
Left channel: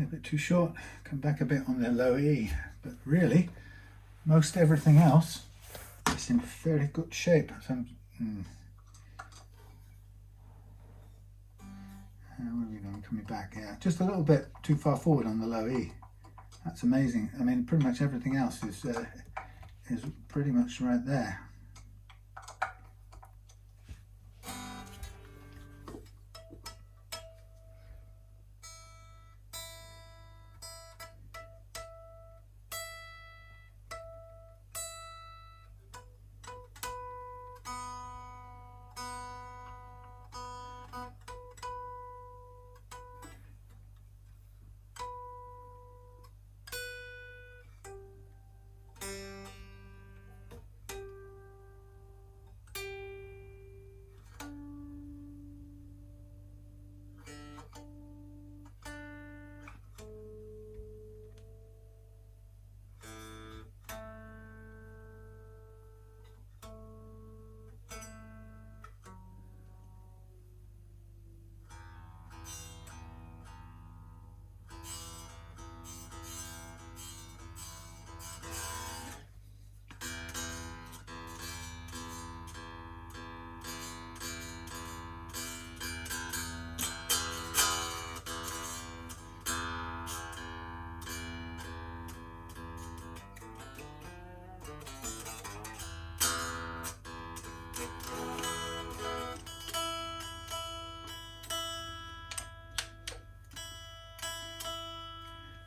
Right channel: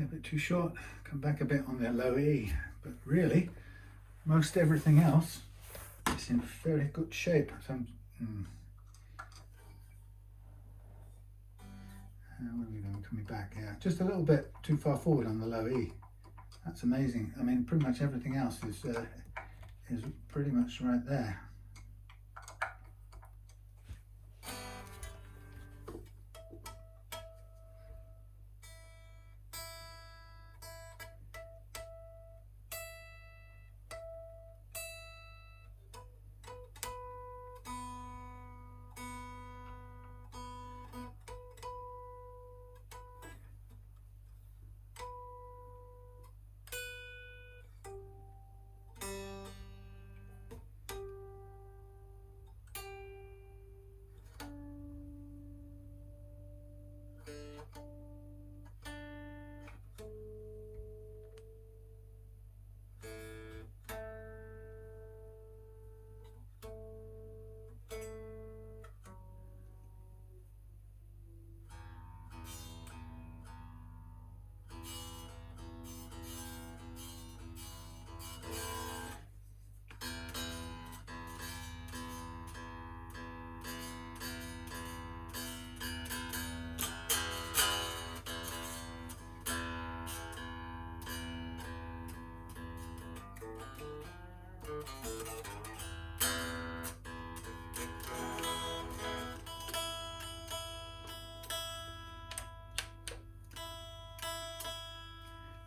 A bit too short, come back a bit on the low E, but really most everything else is in very good shape. So where are we going? Coming back here, just a little bit too far forward on the low E. That's amazing. I mean, pretty much everything else is pretty much right there.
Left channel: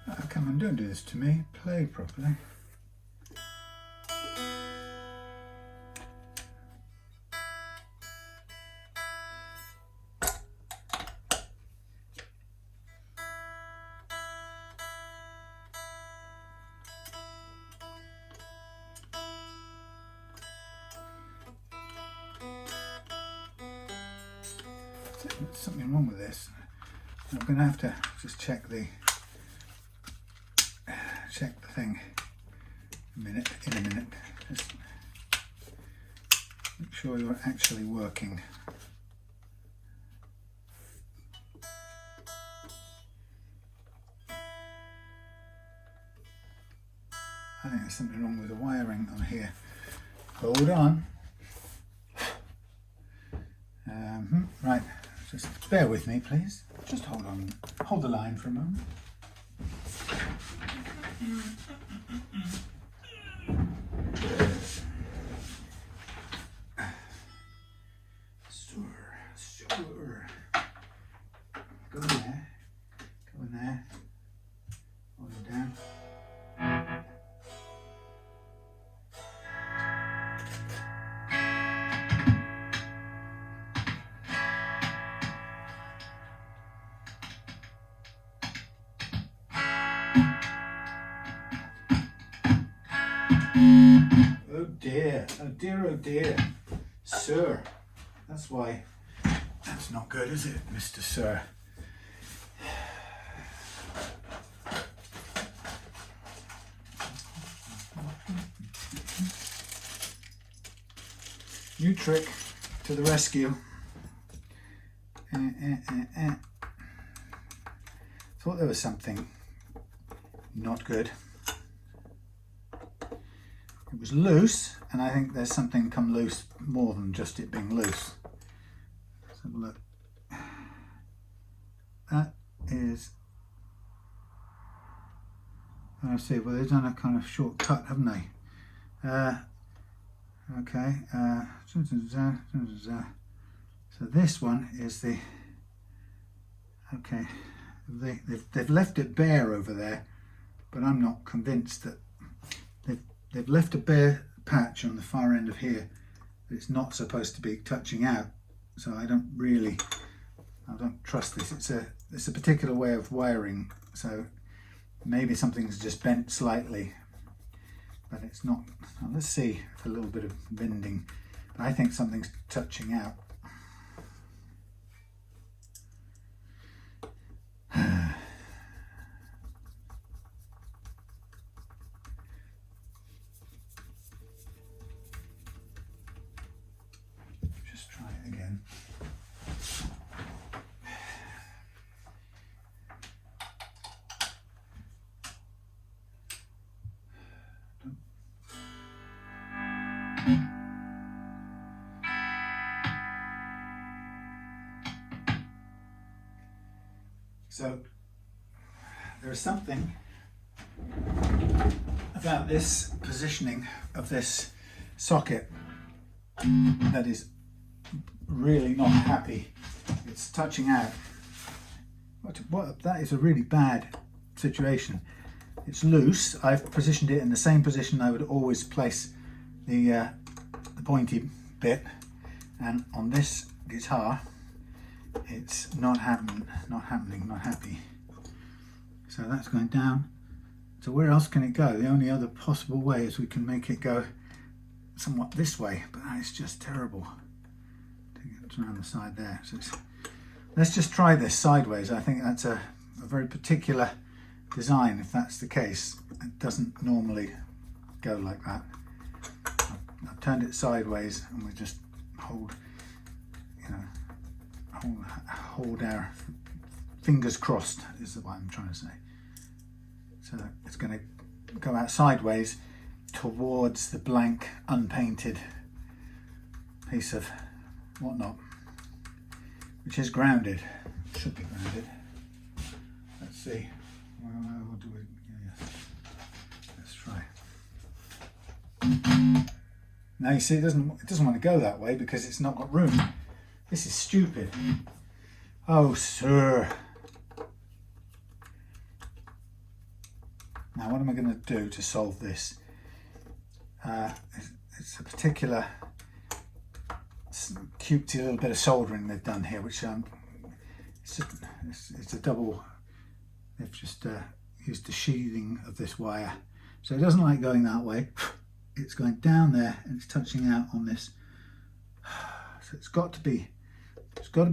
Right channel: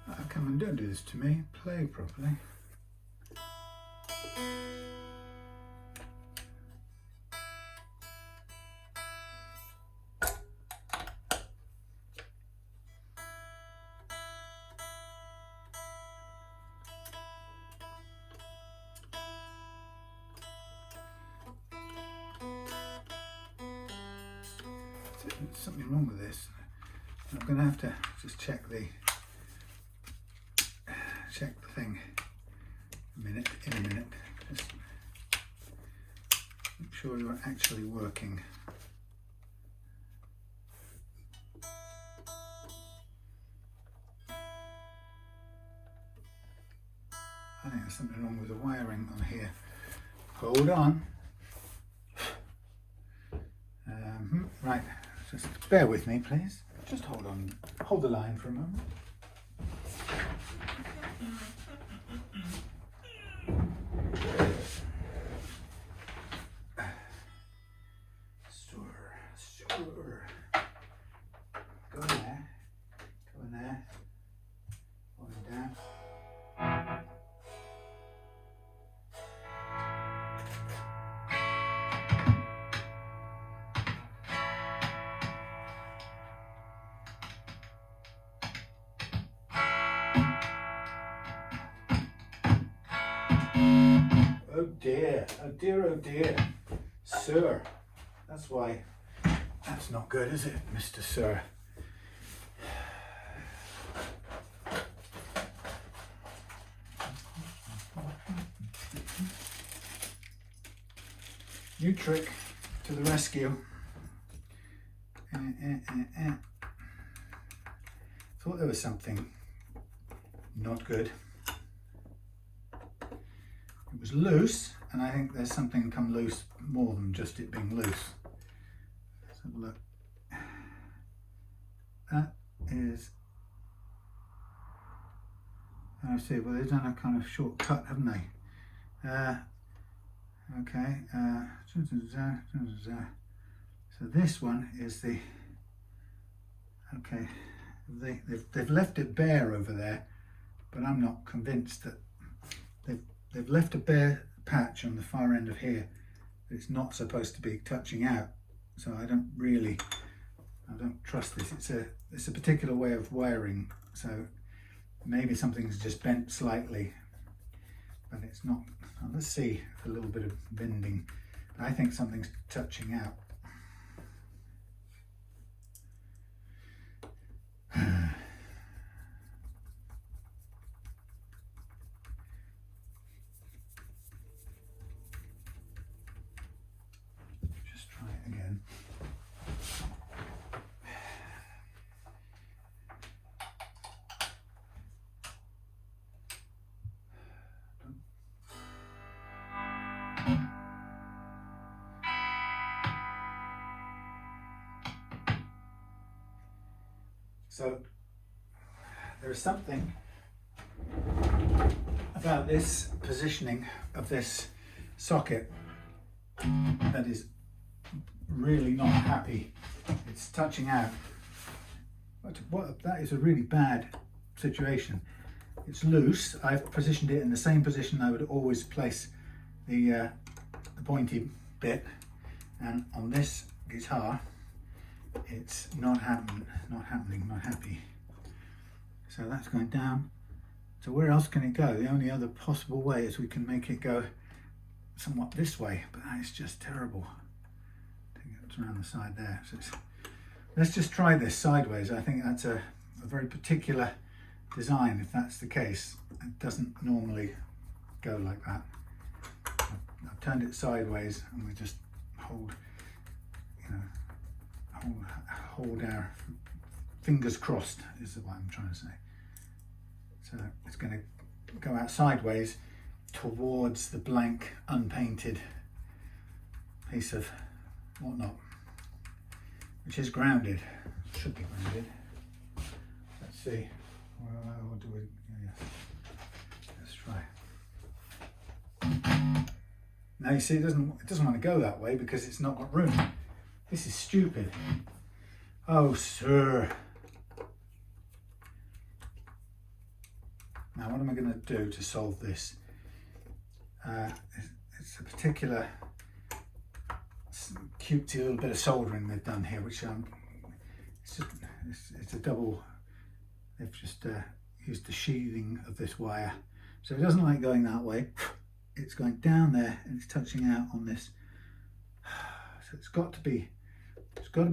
Oh, come on, don't do this to me. Play properly. There's something wrong with this. I'm going to have to just check the thing in a minute. Just Make sure you're actually working. I think there's something wrong with the wiring on here. Hold on. Right, just bear with me, please. Just hold on. Hold the line for a moment. Suhr. Go in there. Go in there. Hold it down. Oh dear, oh dear, oh dear. Suhr. That's why. That's not good, is it, Mr. Suhr? New trick to the rescue. Thought there was something not good. It was loose, and I think there's something come loose more than just it being loose. Let's have a look. That is, I see, well they've done a kind of short cut, haven't they? Okay, so this one is the, okay, they've left it bare over there, but I'm not convinced that they've left a bare patch on the far end of here that it's not supposed to be touching out. So I don't trust this. It's a particular way of wiring, so maybe something's just bent slightly, but it's not. Well, let's see a little bit of bending. I think something's touching out. Just try it again. So there is something about this positioning of this socket that is really not happy. It's touching out. That is a really bad situation. It's loose. I've positioned it in the same position I would always place the pointy bit, and on this guitar it's not happy. So that's going down. So where else can it go? The only other possible way is we can make it go somewhat this way, but that is just terrible. It's around the side there. So let's just try this sideways. I think that's a very particular design. If that's the case, it doesn't normally go like that. I've turned it sideways, and we just hold, hold our fingers crossed is what I'm trying to say. So it's going to go out sideways towards the blank, unpainted piece of whatnot, which is grounded. Should be grounded. Let's see. What do we? Yes. Let's try. Now you see, it doesn't want to go that way because it's not got room. This is stupid. Oh, Suhr. Now, what am I going to do to solve this? It's a particular cutesy little bit of soldering they've done here, which it's a double. They've just used the sheathing of this wire, so it doesn't like going that way. It's going down there and it's touching out on this. So it's got to be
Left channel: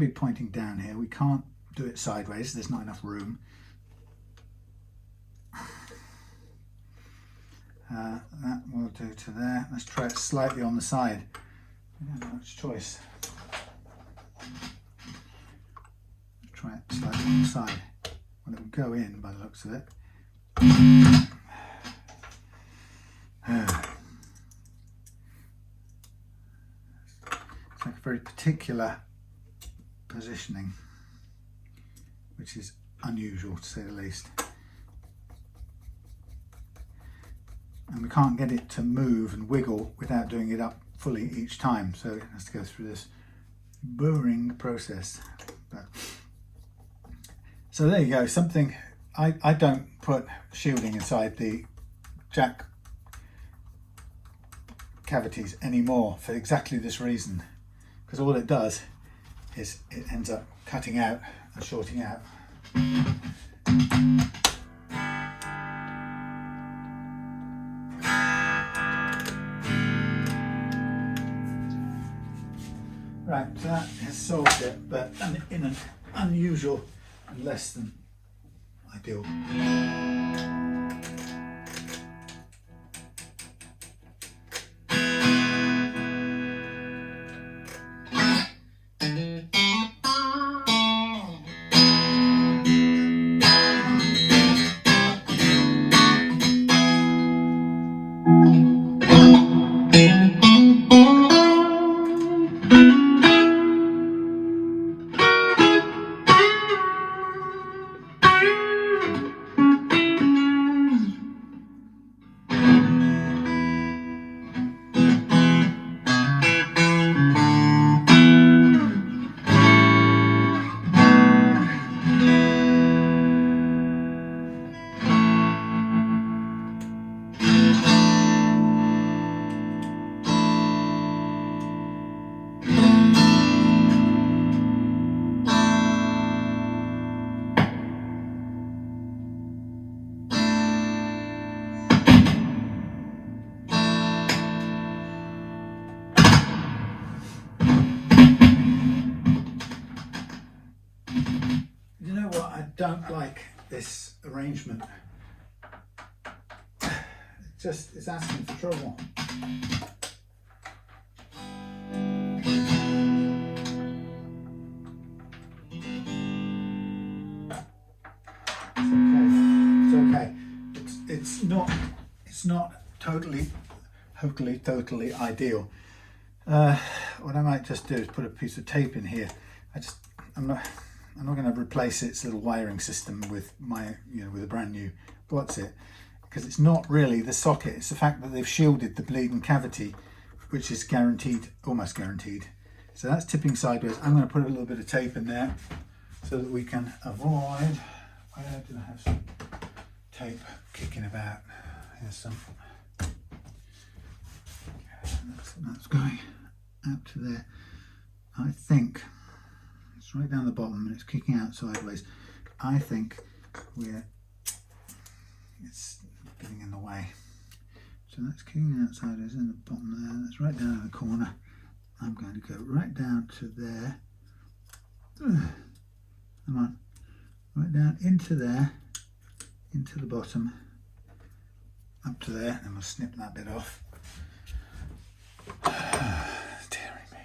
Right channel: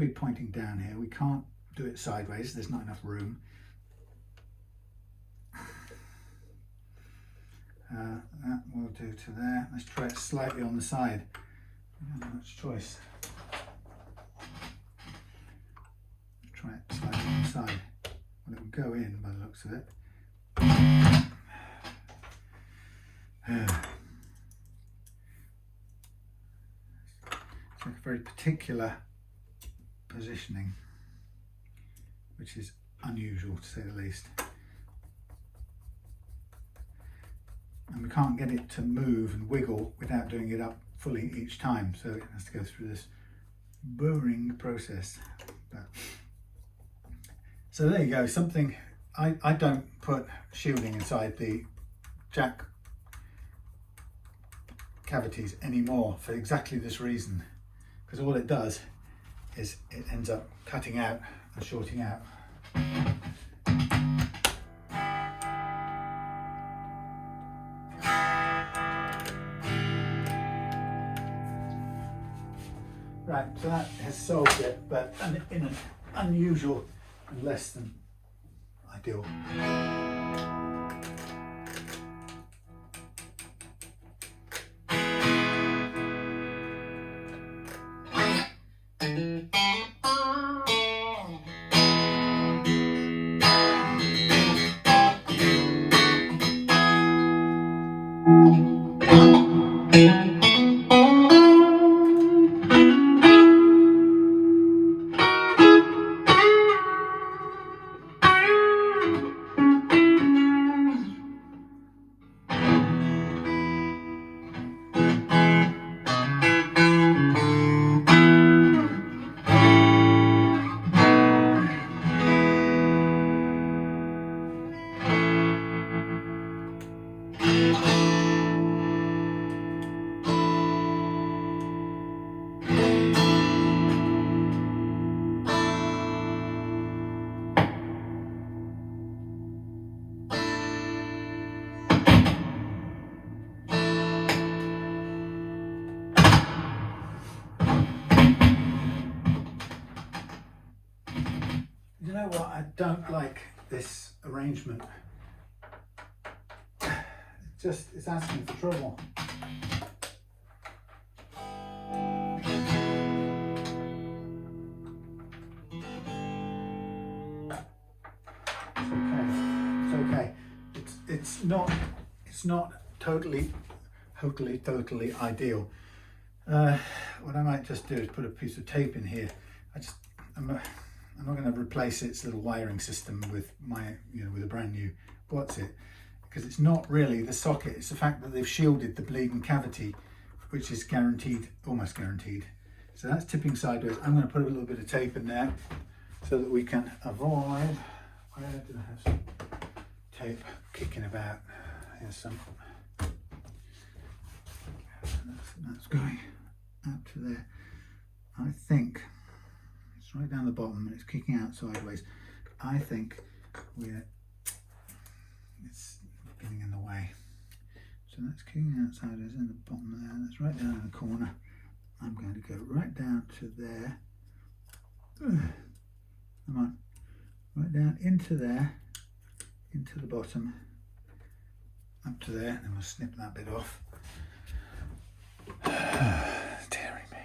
pointing down here. We can't do it sideways. There's not enough room. That will do to there. Let's try it slightly on the side. Not much choice. Try it slightly on the side. Well, it will go in by the looks of it. It's like a very particular positioning, which is unusual to say the least. And we can't get it to move and wiggle without doing it up fully each time, so it has to go through this burring process. But, so there you go, something. I don't put shielding inside the jack cavities anymore for exactly this reason, because all it does is it ends up cutting out and shorting out. Right, so that has solved it, but in an unusual and less than ideal. You know what? I don't like this arrangement. It's asking for trouble. It's okay. It's not totally ideal. What I might just do is put a piece of tape in here. I'm not going to replace its little wiring system with with a brand new what's it, because it's not really the socket, it's the fact that they've shielded the bleeding cavity, which is guaranteed, almost guaranteed. So that's tipping sideways. I'm going to put a little bit of tape in there so that we can avoid. Where did I have some tape kicking about? Here's some. That's going out to there. I think it's right down the bottom and it's kicking out sideways. I think it's getting in the way. So that's kicking out sideways in the bottom there. That's right down in the corner. I'm going to go right down to there. Come on. Right down into there, into the bottom, up to there, and we'll snip that bit off. Dearie me.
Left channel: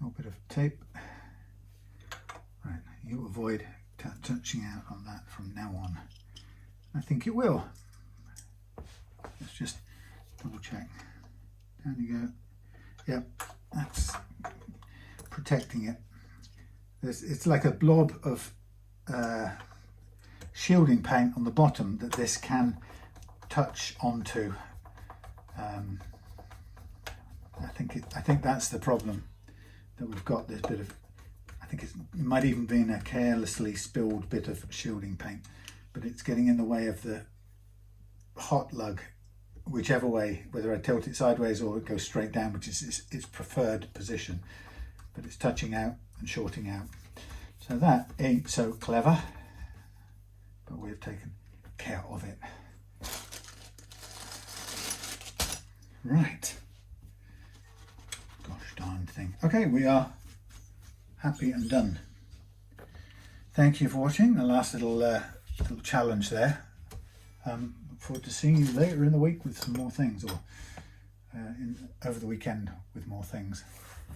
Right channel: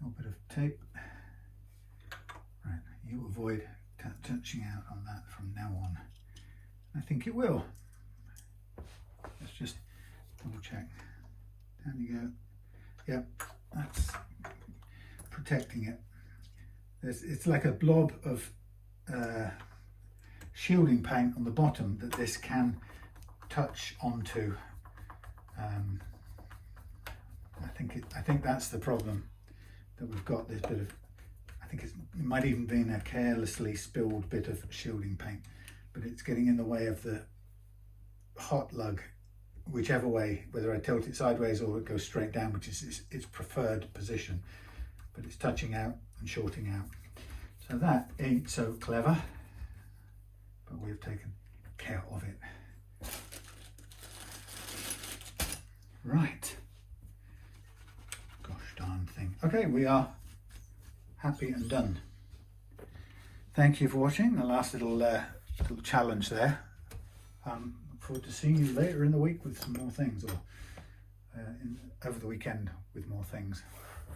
A little bit of tape. Right, you avoid touching out on that from now on. I think it will. Let's just double check. Down you go. Yep, that's protecting it. It's like a blob of shielding paint on the bottom that this can touch onto. I think that's the problem, that we've got this bit of. I think it might even been a carelessly spilled bit of shielding paint, but it's getting in the way of the hot lug, whichever way, whether I tilt it sideways or it goes straight down, which is its preferred position, but it's touching out and shorting out. So that ain't so clever, but we've taken care of it. Right. Gosh darn thing. Okay, we are happy and done. Thank you for watching the last little little challenge there. Look forward to seeing you later in the week with some more things, or over the weekend with more things.